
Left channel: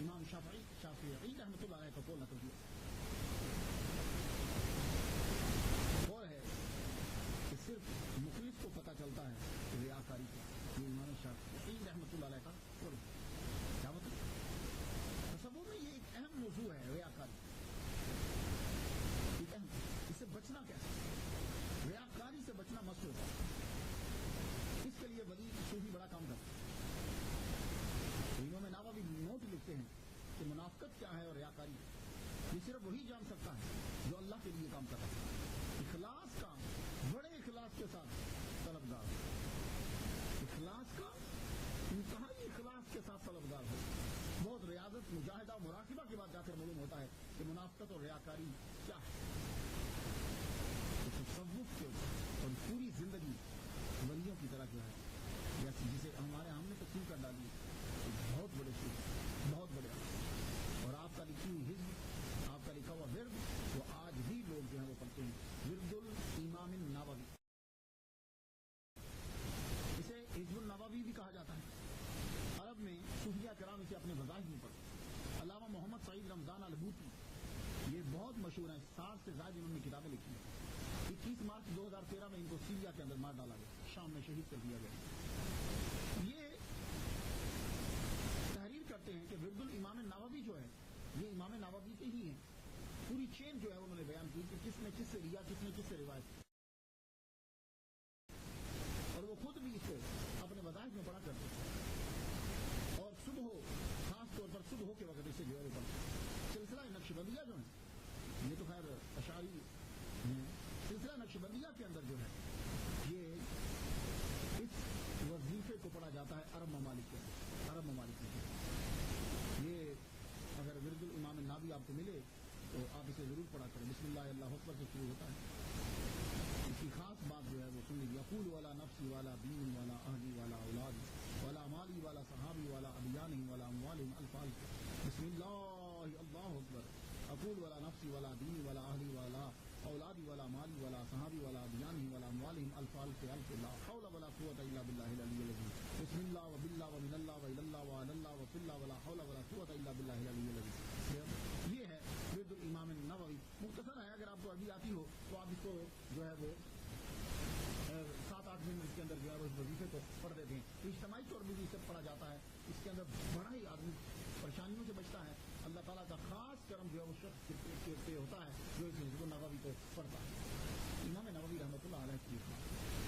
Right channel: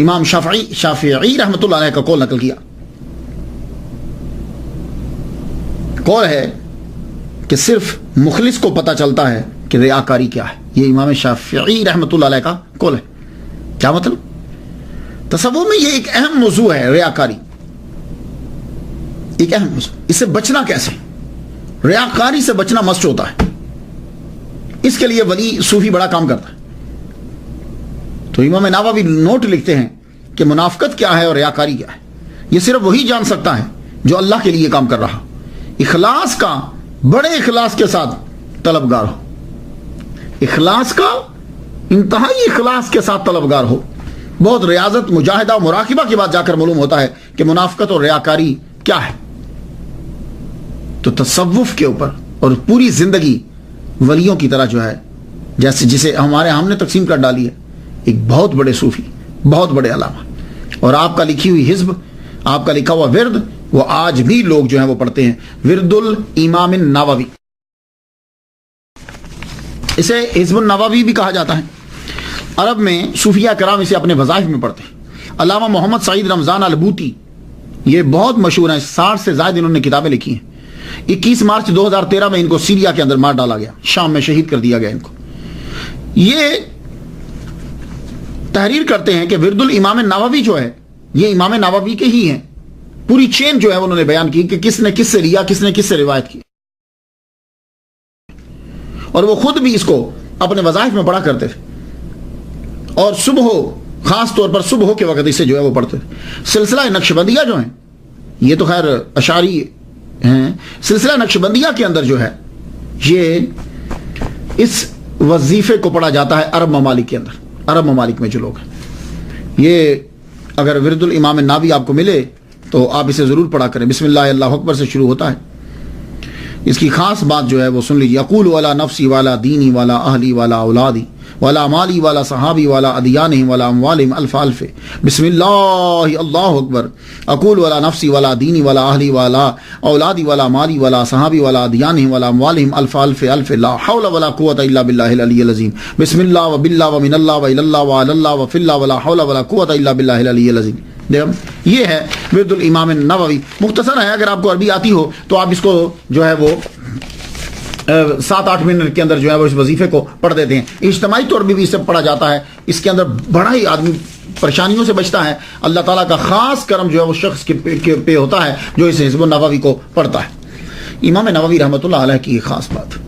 امام شافعی رحمۃ اللہ علیہ کا قول نقل کیا، قول ہے کہ صرف مخلص کو پتہ چلتا ہے کہ ریاکاری کیا ہے۔ یہ امام شافعی رحمۃ اللہ علیہ کا قول ہے۔ کیا مطلب؟ تصوف میں یہ ایک اہم موضوع ہے، ریاکاری ایک اہم موضوع۔ اس سے بچنا کیسے؟ ریاکاری سے بچنا مسٹ ہوتا ہے، اس کے لیے ولی صوفی بڑا کام کرتا ہے۔ تو امام نووی نوٹ لکھتے ہیں کہ منافقت کیا ہے اور ریاکاری کیا ہے، یہ صرف وہی جان سکتا ہے جو اللہ کے لیے کام کر رہا، اخلاص کا، بڑے اخلاص کے ساتھ طلبگار ہو، اخلاص کا، انتہائی اخلاص کے ساتھ طلبگار ہو۔ بہت ریاضت، مجاہدہ و مراقبہ کے بعد جا کر معلوم ہوتا ہے کہ منافقت اور ریاکاری کیا ہے۔ تو تصوف کے اوپر اور پوری زندگی ولیوں کی طرح جو ہے، جیسے جسے ہم نے تقسیم کر ڈالی ہے، ایک بہت بڑے صوفی، بہت بڑے علامہ، اور آپ کا لکھی ہوئی حزب، آپ کا لکھا ہوا ورد، وہ آج بھی لوگ جو ہیں وہ پڑھتے ہیں، ورد الامام النووی۔ اسے حزب النووی بھی کہا جاتا ہے۔ عرب میں صوفیہ کرام اسے اپنے وظائف میں پڑھتے ہیں۔ علامہ محمد سعید رمضان البوتی یہ بہت مشہور ہیں، 60 سے زائد انہوں نے کتابیں لکھی ہیں۔ 21 مارچ 2013 میں ان کو سیریا کے اندر مار ڈالا گیا، شام میں شہید کر دیا گیا ان کو۔ یہ تحریر کرتے ہیں کہ ورد الامام النووی جو ہے، یہ امام نووی کے ہی ہیں، پوری چین جو ہے انہوں نے بیان کی کہ کس نے کس سے لیا، کس نے کس سے روایت کی، اور وہ خود بھی اس کو اپنے وظائف میں پڑھا کرتے تھے، اور صبح، خاص طور پر صبح کے وقت اسے جو ہے وہ پڑھتے تھے۔ سلسلہ نقشبندیہ جو ہیں، یہ تو خیر اشعری ہیں، سلسلہ نقشبندیہ کے اندر جو ہے یہ اس وظیفے کو پڑھا جاتا ہے عرب ممالک کے اندر، عرب ممالک میں جو لوگ ہیں۔ یہ اگر ورد الامام النووی آپ کو ملے تو آپ اسے ضرور پڑھا کریں۔ بسم اللہ اللہ اکبر سے شروع ہوتا ہے۔ اس کی خاص بات جو ہے وہ سن لیجیے۔ اقول والا نفسی والا دینی والا اہلی والا اولادی والا مالی والا صحابی والا ادیانہم والا اموالہم الف الف بسم اللہ اللہ اکبر۔ اقول والا نفسی والا دینی والا اہلی والا اولادی والا مالی والا صحابی والا ادیانہم والا اموالہم الف الف الف لا حول ولا قوة الا باللہ العلی العظیم۔ بسم اللہ و باللہ و من اللہ و الی اللہ و علی اللہ و فی اللہ ولا حول ولا قوة الا باللہ العلی العظیم۔ یہ ہے ورد الامام النووی۔ مختصر ہے، اگر آپ کو عربی آتی ہو تو آپ اس کو جو ہے وہ 7-8 منٹ کے اندر جو ہے وہ اس وظیفے کو پڑھ دیتے ہیں۔ اجتماعی طور بھی اسے پڑھا جاتا ہے۔ اس کے اندر بڑا ہی آدمی پریشانیوں سے بچتا ہے۔ اللہ تعالیٰ کا خاص کرم جو ہے وہ شخص کے پہ ہوتا ہے جو اس حزب النووی کو پڑھتا ہے۔ امام نووی رحمۃ اللہ علیہ کی خاص بات،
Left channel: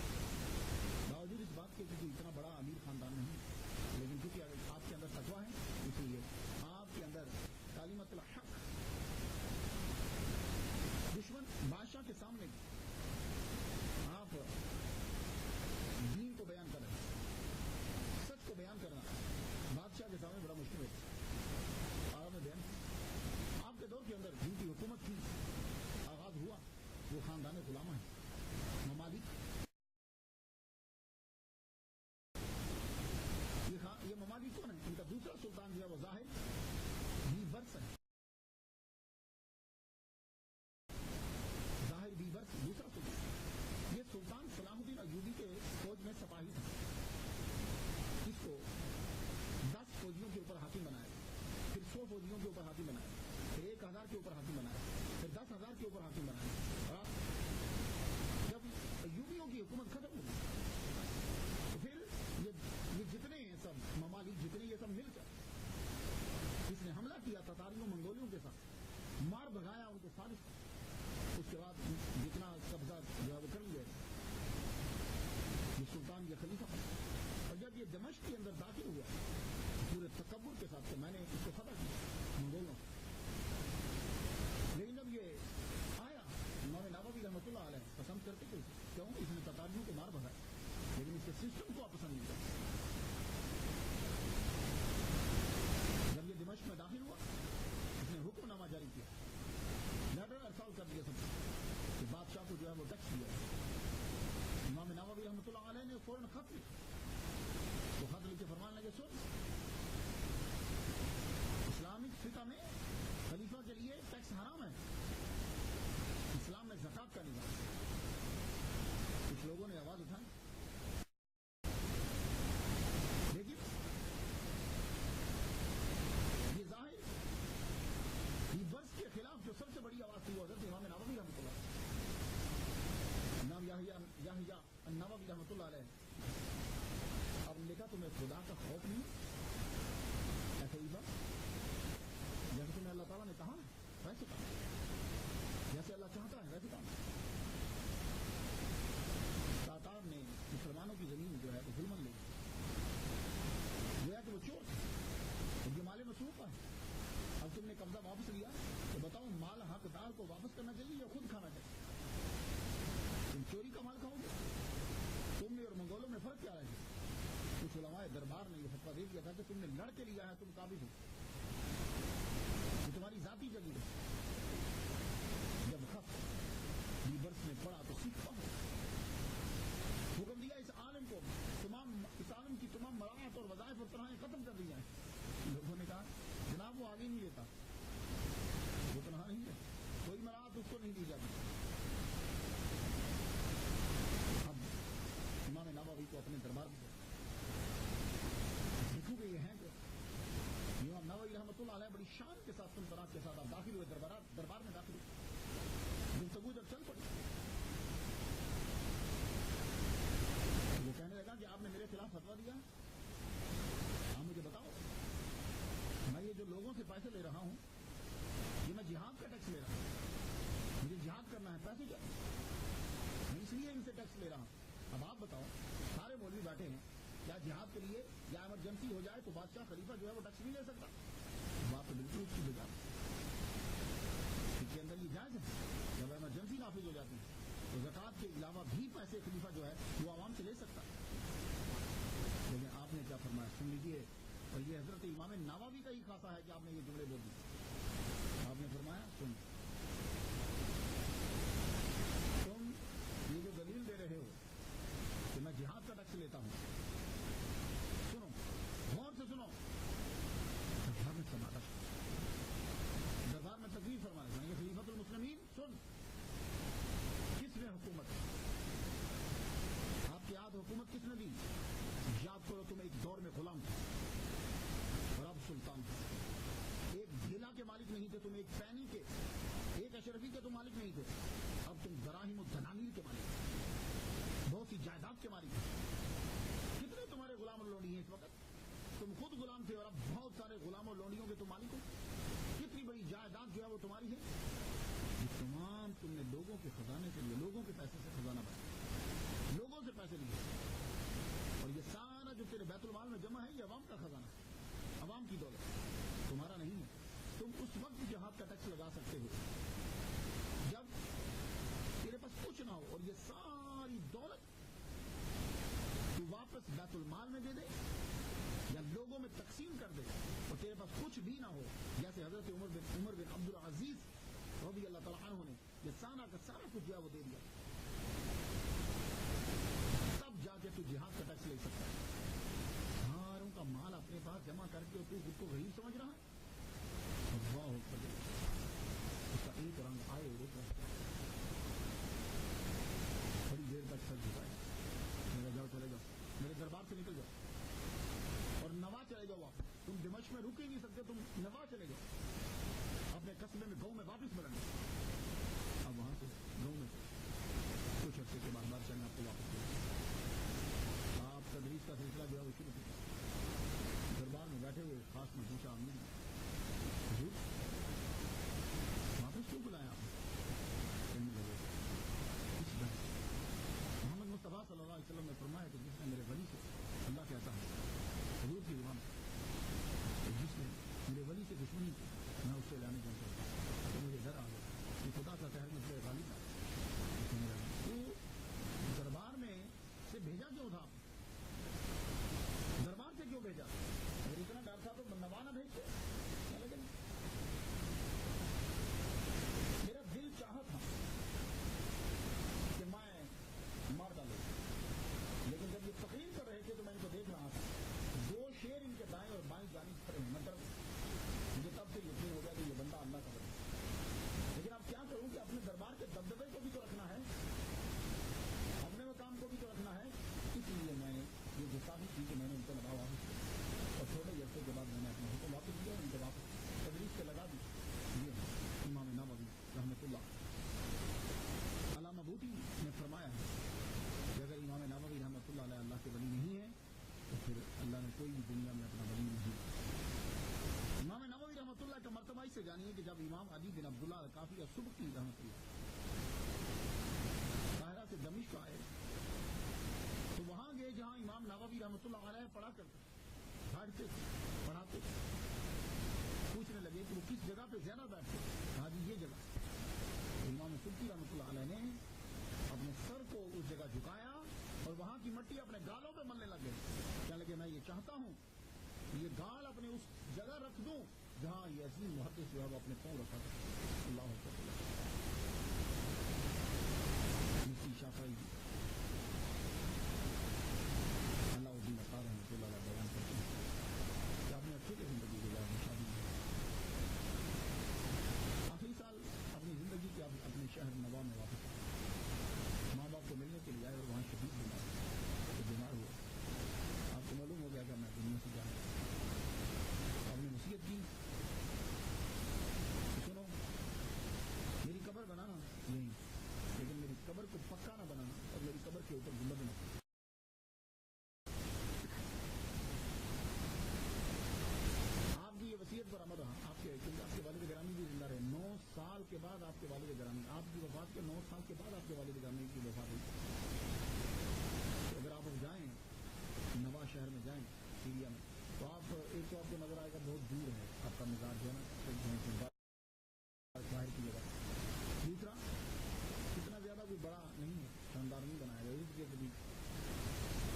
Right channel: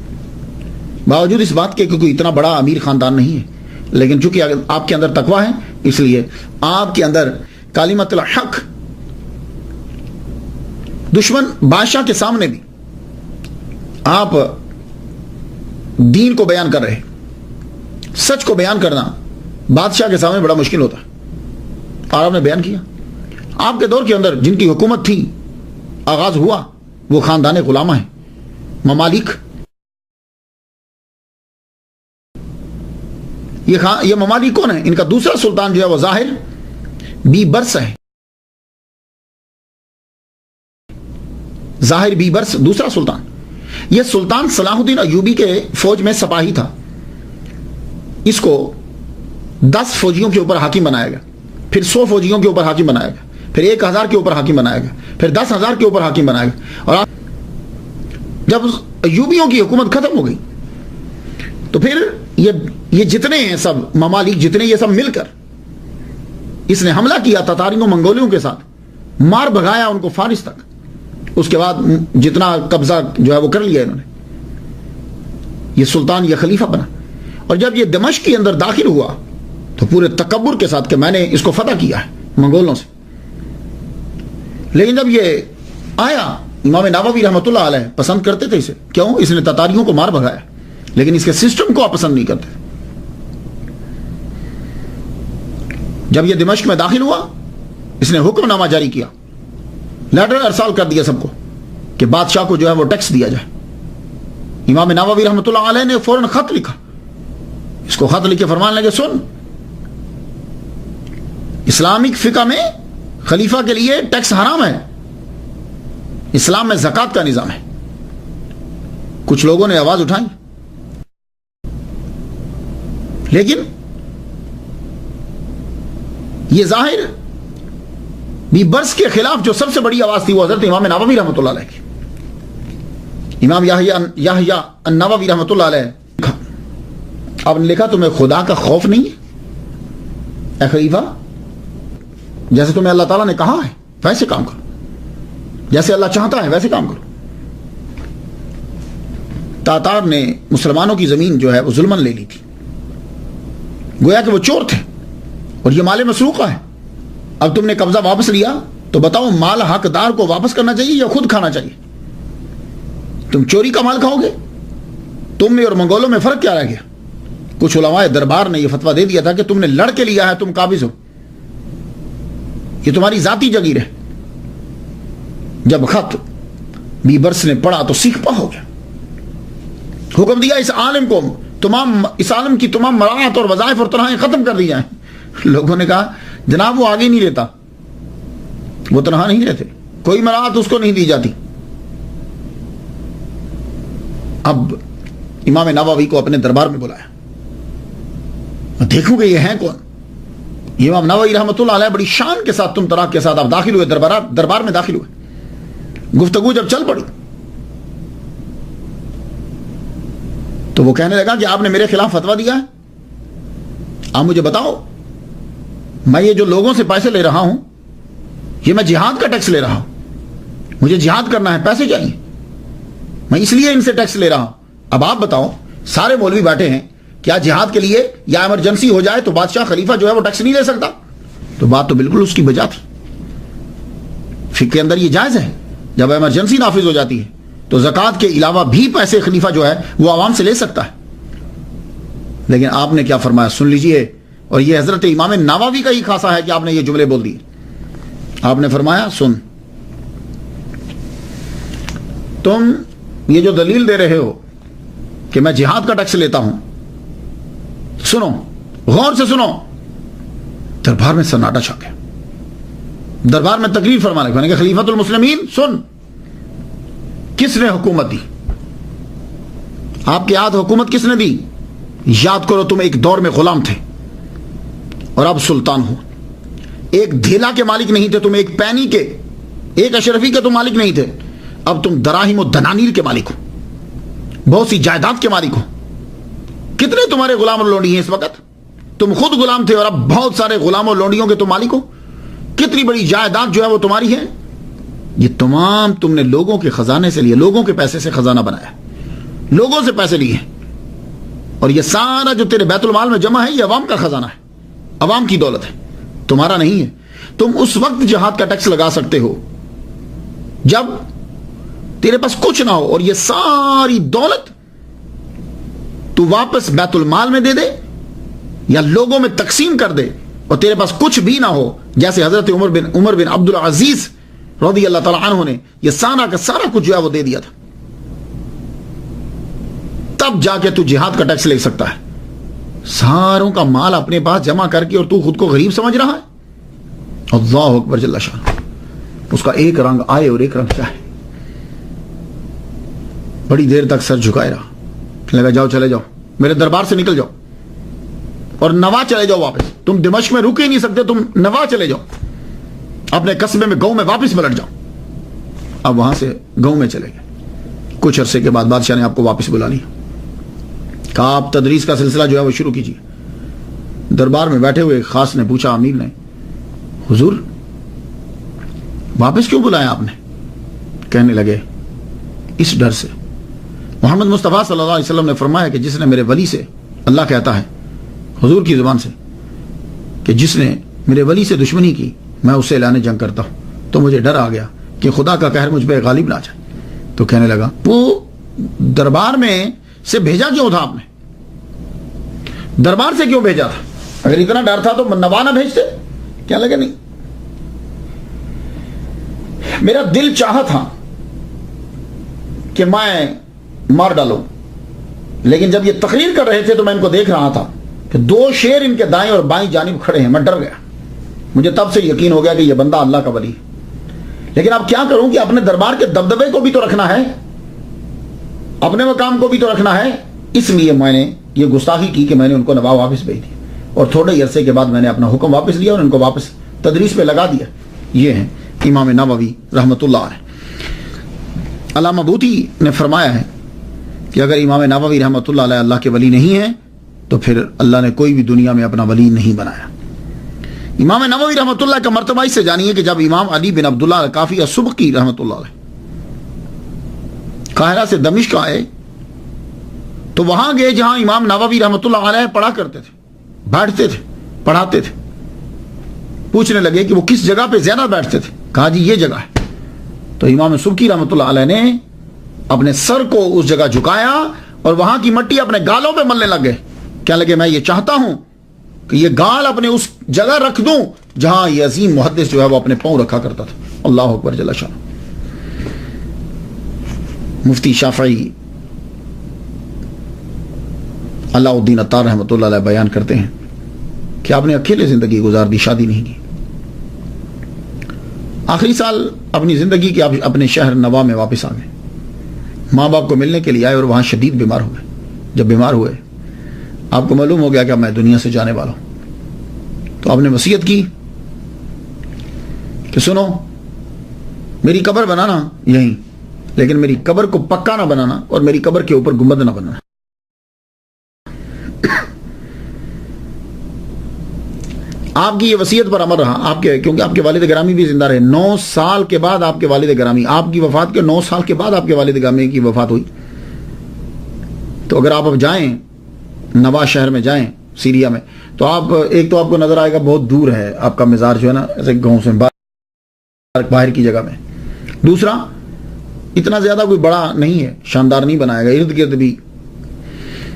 باوجود اس بات کے کہ کوئی اتنا بڑا امیر خاندان نہیں ہے، لیکن چونکہ آپ کے اندر تقویٰ ہے، اس لیے آپ کے اندر کلمۃ الحق، دشمن بادشاہ کے سامنے بھی آپ دین کو بیان کر رہے ہیں۔ سچ کو بیان کرنا بادشاہ کے سامنے بڑا مشکل ہوتا ہے، اور آپ نے بیان کیا۔ آپ کے دور کے اندر جن کی حکومت تھی، آغاز ہوا، وہ خاندان غلامہ ہیں، ممالک۔ یہ ممالک کون ہیں؟ ان کا دوسرا سلطان جو ہے وہ ظاہر بی برس ہے۔ ظاہر بی برس دوسرا سلطان۔ یہ سلطان صلاح الدین ایوبی کے فوج میں سپاہی تھا۔ اس کو 10 فوجیوں کے اوپر حاکم بنایا گیا، پھر 100 فوجیوں کے اوپر حاکم بنایا گیا، پھر 1000 کے اوپر حاکم بنایا گیا، پھر 10,000 کے اوپر حاکم بنایا گیا۔ اور جب ایوبیوں کی حکومت ختم ہو گئی تو پھر یہ جتنے ہیں سب ممالک، جتنے یہ سب مل کر اس نے حملہ کیا تتاریوں منگولیوں کے ساتھ، مار بھگایا ان کو فارس تک، اس کے بعد جتنا قبضہ جو ہے وہ کر لیا انہوں نے، یہ سلطان یہ خلیفہ بنا۔ اور جب یہ دمشق کے اندر داخل ہوا تو پورے تکبر کے ساتھ کہ میں نے اس کو فتح کیا ہے منگولوں سے، لیکن جب یہ آیا امام نووی رحمۃ اللہ علیہ پسند کرتے تھے اسے، کیوں؟ اس نے تتاریوں کو مار بھگایا، لیکن اس کے سسٹم کو آپ پسند نہیں کرتے۔ جب یہ دمشق میں داخل ہوا اس نے حکم نامہ جاری کیا، لیٹر ارسال کر دیا سب کو کہ بادشاہ کو جو ہے وہ ٹیکس دیا جائے۔ امام نووی رحمۃ اللہ علیہ نے فوراً خط لکھا، اس کو خط لکھ کے فرمانے لگے سن، اسلامک فقہ میں خلیفہ کے لیے ٹیکس حرام ہے، اسلام میں زکوٰۃ کا نظام ہے۔ کچھ لوگوں نے آواز اٹھائی، لیکن یہ ظاہر بھی برس کے خلاف جو سب سے بڑی آواز تھی وہ حضرت امام نووی رحمۃ اللہ علیہ کی۔ امام یحییٰ النووی رحمۃ اللہ علیہ آپ نے لکھا تمہیں خدا کا خوف نہیں ہے اے خلیفہ؟ جیسے تمہیں اللہ تعالیٰ نے کہا ہے ویسے کام کرو، جیسے اللہ چاہتا ہے ویسے کام کرو۔ تاتار نے مسلمانوں کی زمین جو ہے وہ ظلمن لے لی تھی، گویا کہ وہ چور تھے اور یہ مال مسروقہ ہے۔ اب تم نے قبضہ واپس لیا تو بتاؤ مال حقدار کو واپس کرنا چاہیے یا خود کھانا چاہیے؟ تم چوری کا مال کھاؤ گے؟ تم میں اور منگولوں میں فرق کیا رہ گیا؟ کچھ علماء دربار نے یہ فتویٰ دے دیا تھا کہ تم نے لڑ کے لیا ہے، تم قابض ہو، یہ تمہاری ذاتی جگیر ہے۔ جب خط بیبرس نے پڑھا تو سیخ پا ہو گیا، حکم دیا اس عالم کو اس عالم کی تمام مراعات اور وظائف اور تنہائیں ختم کر دی جائیں۔ لوگوں نے کہا جناب وہ آگے نہیں لیتا، وہ تنہا نہیں رہتے، کوئی مراعات اس کو نہیں دی جاتی۔ اب امام نووی کو اپنے دربار میں بلایا، دیکھوں گے یہ ہیں کون؟ یہ امام نووی رحمۃ اللہ علیہ بڑی شان کے ساتھ تم تراک کے ساتھ آپ داخل ہوئے، دربار میں داخل ہوئے۔ گفتگو جب چل پڑی تو وہ کہنے لگا کہ آپ نے میرے خلاف فتویٰ دیا ہے، آپ مجھے بتاؤ، میں یہ جو لوگوں سے پیسے لے رہا ہوں یہ میں جہاد کا ٹیکس لے رہا ہوں، مجھے جہاد کرنا ہے، پیسے چاہیے، میں اس لیے ان سے ٹیکس لے رہا ہوں۔ اب آپ بتاؤ، سارے مولوی بیٹھے ہیں، کیا جہاد کے لیے یا ایمرجنسی ہو جائے تو بادشاہ خلیفہ جو ہے وہ ٹیکس نہیں لے سکتا؟ تو بات تو بالکل اس کی بجا تھی، فقہ کے اندر یہ جائز ہے، جب ایمرجنسی نافذ ہو جاتی ہے تو زکوٰۃ کے علاوہ بھی پیسے خلیفہ جو ہے وہ عوام سے لے سکتا ہے۔ لیکن آپ نے کیا فرمایا سن لیجئے، اور یہ حضرت امام نووی کا ہی خاصہ ہے کہ آپ نے یہ جملے بول دیے۔ آپ نے فرمایا سن، تم یہ جو دلیل دے رہے ہو کہ میں جہاد کا ٹیکس لیتا ہوں، سنو، غور سے سنو۔ دربار میں سناٹا چھا گیا، دربار میں تقریر فرمانے کہ خلیفۃ المسلمین سن، کس نے حکومت دی؟ آپ کے ہاتھ حکومت کس نے دی؟ یاد کرو تم ایک دور میں غلام تھے اور اب سلطان ہو، ایک دھیلا کے مالک نہیں تھے تم، ایک پینی کے، ایک اشرفی کے تم مالک نہیں تھے، اب تم دراہیم و دنانیر کے مالک ہو، بہت سی جائیداد کے مالک ہو۔ کتنے تمہارے غلام اور لونڈی ہیں اس وقت؟ تم خود غلام تھے اور اب بہت سارے غلام اور لونڈیوں کے تم مالک ہو۔ کتنی بڑی جائیداد جو ہے وہ تمہاری ہے۔ یہ تمام تم نے لوگوں کے خزانے سے لیے، لوگوں کے پیسے سے خزانہ بنایا، لوگوں سے پیسے لیے، اور یہ سارا جو تیرے بیت المال میں جمع ہے یہ عوام کا خزانہ ہے، عوام کی دولت ہے، تمہارا نہیں ہے۔ تم اس وقت جہاد کا ٹیکس لگا سکتے ہو جب تیرے پاس کچھ نہ ہو، اور یہ ساری دولت تو واپس بیت المال میں دے دے یا لوگوں میں تقسیم کر دے، اور تیرے پاس کچھ بھی نہ ہو، جیسے حضرت عمر بن عبد العزیز رضی اللہ تعالیٰ عنہ نے یہ سارا کا سارا کچھ جو ہے وہ دے دیا تھا، تب جا کے تو جہاد کا ٹیکس لے سکتا ہے۔ ساروں کا مال اپنے پاس جمع کر کے اور تو خود کو غریب سمجھ رہا ہے؟ اللہ اکبر جل شان، اس کا ایک رنگ آئے اور ایک رنگ جائے۔ بڑی دیر تک سر جھکائے رہا، کہنے لگا جاؤ، چلے جاؤ، میرے دربار سے نکل جاؤ اور نوا چلے جاؤ واپس، تم دمشق میں رک ہی نہیں سکتے، تم نوا چلے جاؤ، اپنے قصبے میں گاؤں میں واپس پلٹ جاؤ۔ اب وہاں سے گاؤں میں چلے گئے، کچھ عرصے کے بعد بادشاہ نے آپ کو واپس بلا لیا، کہا آپ تدریس کا سلسلہ جو ہے وہ شروع کیجیے۔ دربار میں بیٹھے ہوئے خاص نے پوچھا، امیر نے حضور واپس کیوں بلایا آپ نے؟ کہنے لگے اس ڈر سے محمد مصطفیٰ صلی اللہ علیہ وسلم نے فرمایا کہ جس نے میرے ولی سے، اللہ کہتا ہے حضور کی زبان سے کہ جس نے میرے ولی سے دشمنی کی میں اسے اعلان جنگ کرتا ہوں، تو مجھے ڈر آ گیا کہ خدا کا قہر مجھ پہ غالب نہ آ جائے۔ تو کہنے لگا وہ دربار میں سے بھیجا کیوں تھا آپ نے؟ دربار سے کیوں بھیجا تھا؟ اگر اتنا ڈر تھا تو نوا نہ بھیجتے؟ کیا لگے نہیں، میرا دل چاہا تھا کہ میں مار ڈالوں، لیکن جب یہ تقریر کر رہے تھے تو میں ان کو دیکھ رہا تھا کہ 2 شیر ان کے دائیں اور بائیں جانب کھڑے ہیں، میں ڈر گیا، مجھے تب سے یقین ہو گیا کہ یہ بندہ اللہ کا ولی ہے۔ لیکن اب کیا کروں کہ اپنے دربار کے دبدبے کو بھی تو رکھنا ہے، اپنے مقام کو بھی تو رکھنا ہے، اس لیے میں نے یہ گستاخی کی کہ میں نے ان کو نواب واپس بھیج دیا، اور تھوڑے ہی عرصے کے بعد میں نے اپنا حکم واپس لیا اور ان کو واپس تدریس پہ لگا دیا۔ یہ ہیں امام نووی رحمۃ اللہ علیہ۔ علامہ بوطی نے فرمایا ہے کہ اگر امام نووی رحمۃ اللہ علیہ اللہ کے ولی نہیں ہیں تو پھر اللہ نے کوئی بھی دنیا میں اپنا ولی نہیں بنایا۔ امام نووی رحمۃ اللہ کا مرتبہ اس سے جانیے کہ جب امام علی بن عبداللہ الکافی السبکی رحمۃ اللہ علیہ قاہرہ سے دمشق آئے تو وہاں گئے جہاں امام نووی رحمۃ اللہ علیہ پڑھا کرتے تھے، بیٹھتے تھے، پڑھاتے تھے۔ پوچھنے لگے کہ وہ کس جگہ پہ زیادہ بیٹھتے تھے؟ کہا جی یہ جگہ ہے۔ تو امام سبکی رحمۃ اللہ علیہ نے اپنے سر کو اس جگہ جھکایا اور وہاں کی مٹی اپنے گالوں پہ ملنے لگے، کہنے لگے میں یہ چاہتا ہوں کہ یہ گال اپنے اس جگہ رکھ دوں جہاں یہ عظیم محدث جو ہے وہ اپنے پاؤں رکھا کرتا تھا۔ اللہ اکبر جل شان۔ مفتی شافعی اللہ الدین عطار رحمۃ اللہ علیہ بیان کرتے ہیں کہ آپ نے اکیلے زندگی گزار دی، شادی نہیں کی۔ آخری سال اپنی زندگی کے اپنے شہر نوا میں واپس آ گئے، ماں باپ کو ملنے کے لیے آئے اور وہاں شدید بیمار ہو گئے۔ جب بیمار ہوئے آپ کو معلوم ہو گیا کہ میں دنیا سے جانے والا ہوں، تو آپ نے وصیت کی کہ سنو میری قبر بنانا یہیں، لیکن میری قبر کو پکا نہ بنانا اور میری قبر کے اوپر گنبد نہ بنانا۔ آپ کی یہ وصیت پر عمل رہا، کیونکہ آپ کے والد گرامی بھی زندہ رہے۔ 9 سال کے بعد آپ کے والد گرامی، آپ کی وفات کے 9 سال کے بعد آپ کے والد گرامی کی وفات ہوئی۔ تو اگر آپ اب جائیں نوا شہر میں جائیں سیریا میں، تو ایک تو آپ کو نظر آئے گا بہت دور ہے آپ کا مزار جو ہے نا، ایسے گاؤں سے باہر کی جگہ میں۔ دوسرا اتنا زیادہ کوئی بڑا نہیں ہے، شاندار نہیں بنائے گا، ارد گرد بھی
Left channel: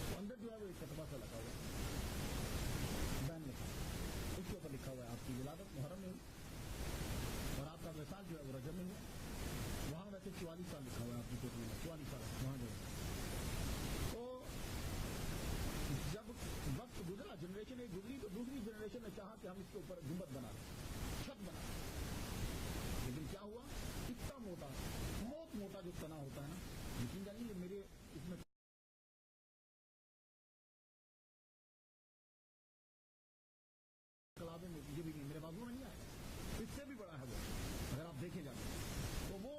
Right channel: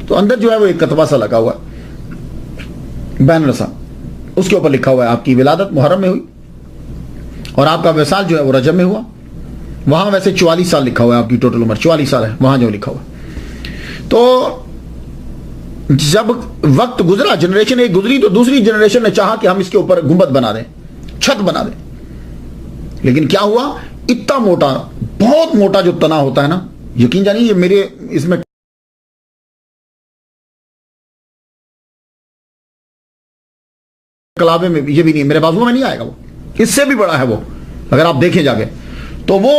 تو اندر جو ہے وہ ایک کتبہ سا لگا ہوا ہے، بینر سا، اس کے اوپر لکھا ہوا ہے آپ کی ولادت محرم میں ہوئی اور آپ کا وصال جو ہے وہ رجب میں ہوا۔ وہاں ویسے 44 سال لکھا ہوا ہے، آپ کی ٹوٹل عمر 44 سال ہے وہاں جو لکھا ہوا ہے۔ تو جب وقت گزرا، جنریشن ایک گزری، تو دوسری جنریشن نے چاہا کہ ہم اس کے اوپر گنبد بنا دیں، چھت بنا دیں، لیکن کیا ہوا، اتنا موٹا، بہت موٹا جو تنا ہوتا ہے نا، یقین جانیے یہ میرے اس میں کلابے میں یہ بھی نہیں، میرے بازو میں نہیں آئے گا، وہ اس سے بھی بڑا ہے وہ، اگر آپ دیکھیں جا کے تو وہ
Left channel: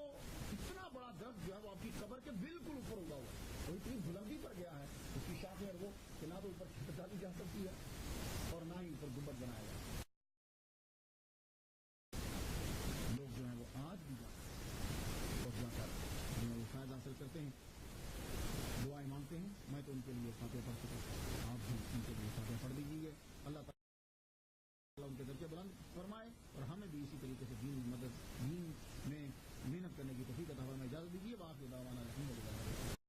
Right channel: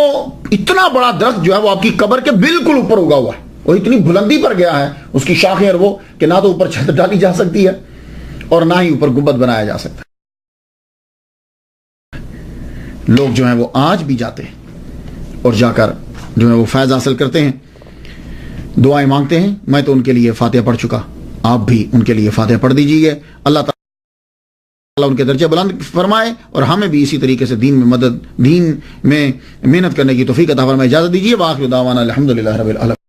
اتنا بڑا درخت جو ہے وہ آپ کی قبر کے بالکل اوپر اگا ہوا ہے، وہ اتنی بلندی پر گیا ہے اس کی شاخیں اور وہ کہ نہ تو اوپر چھت ڈالی جا سکتی ہے اور نہ ہی اوپر گنبد بنایا جا سکتا ہے۔ لوگ جو ہیں وہ آج بھی جاتے ہیں اور جا کر جو ہے وہ فیض حاصل کرتے ہیں، دعائیں مانگتے ہیں۔ میں تو ان کے لیے فاتحہ پڑھ چکا، آپ بھی ان کے لیے فاتحہ پڑھ دیجیے، اللہ تعالیٰ ان کے درجے بلند فرمائے اور ہمیں بھی اسی طریقے سے دین میں محنت کرنے کی توفیق عطا فرمائے۔ اجازت دیجیے، وآخر دعوانا الحمدللہ رب العالمین۔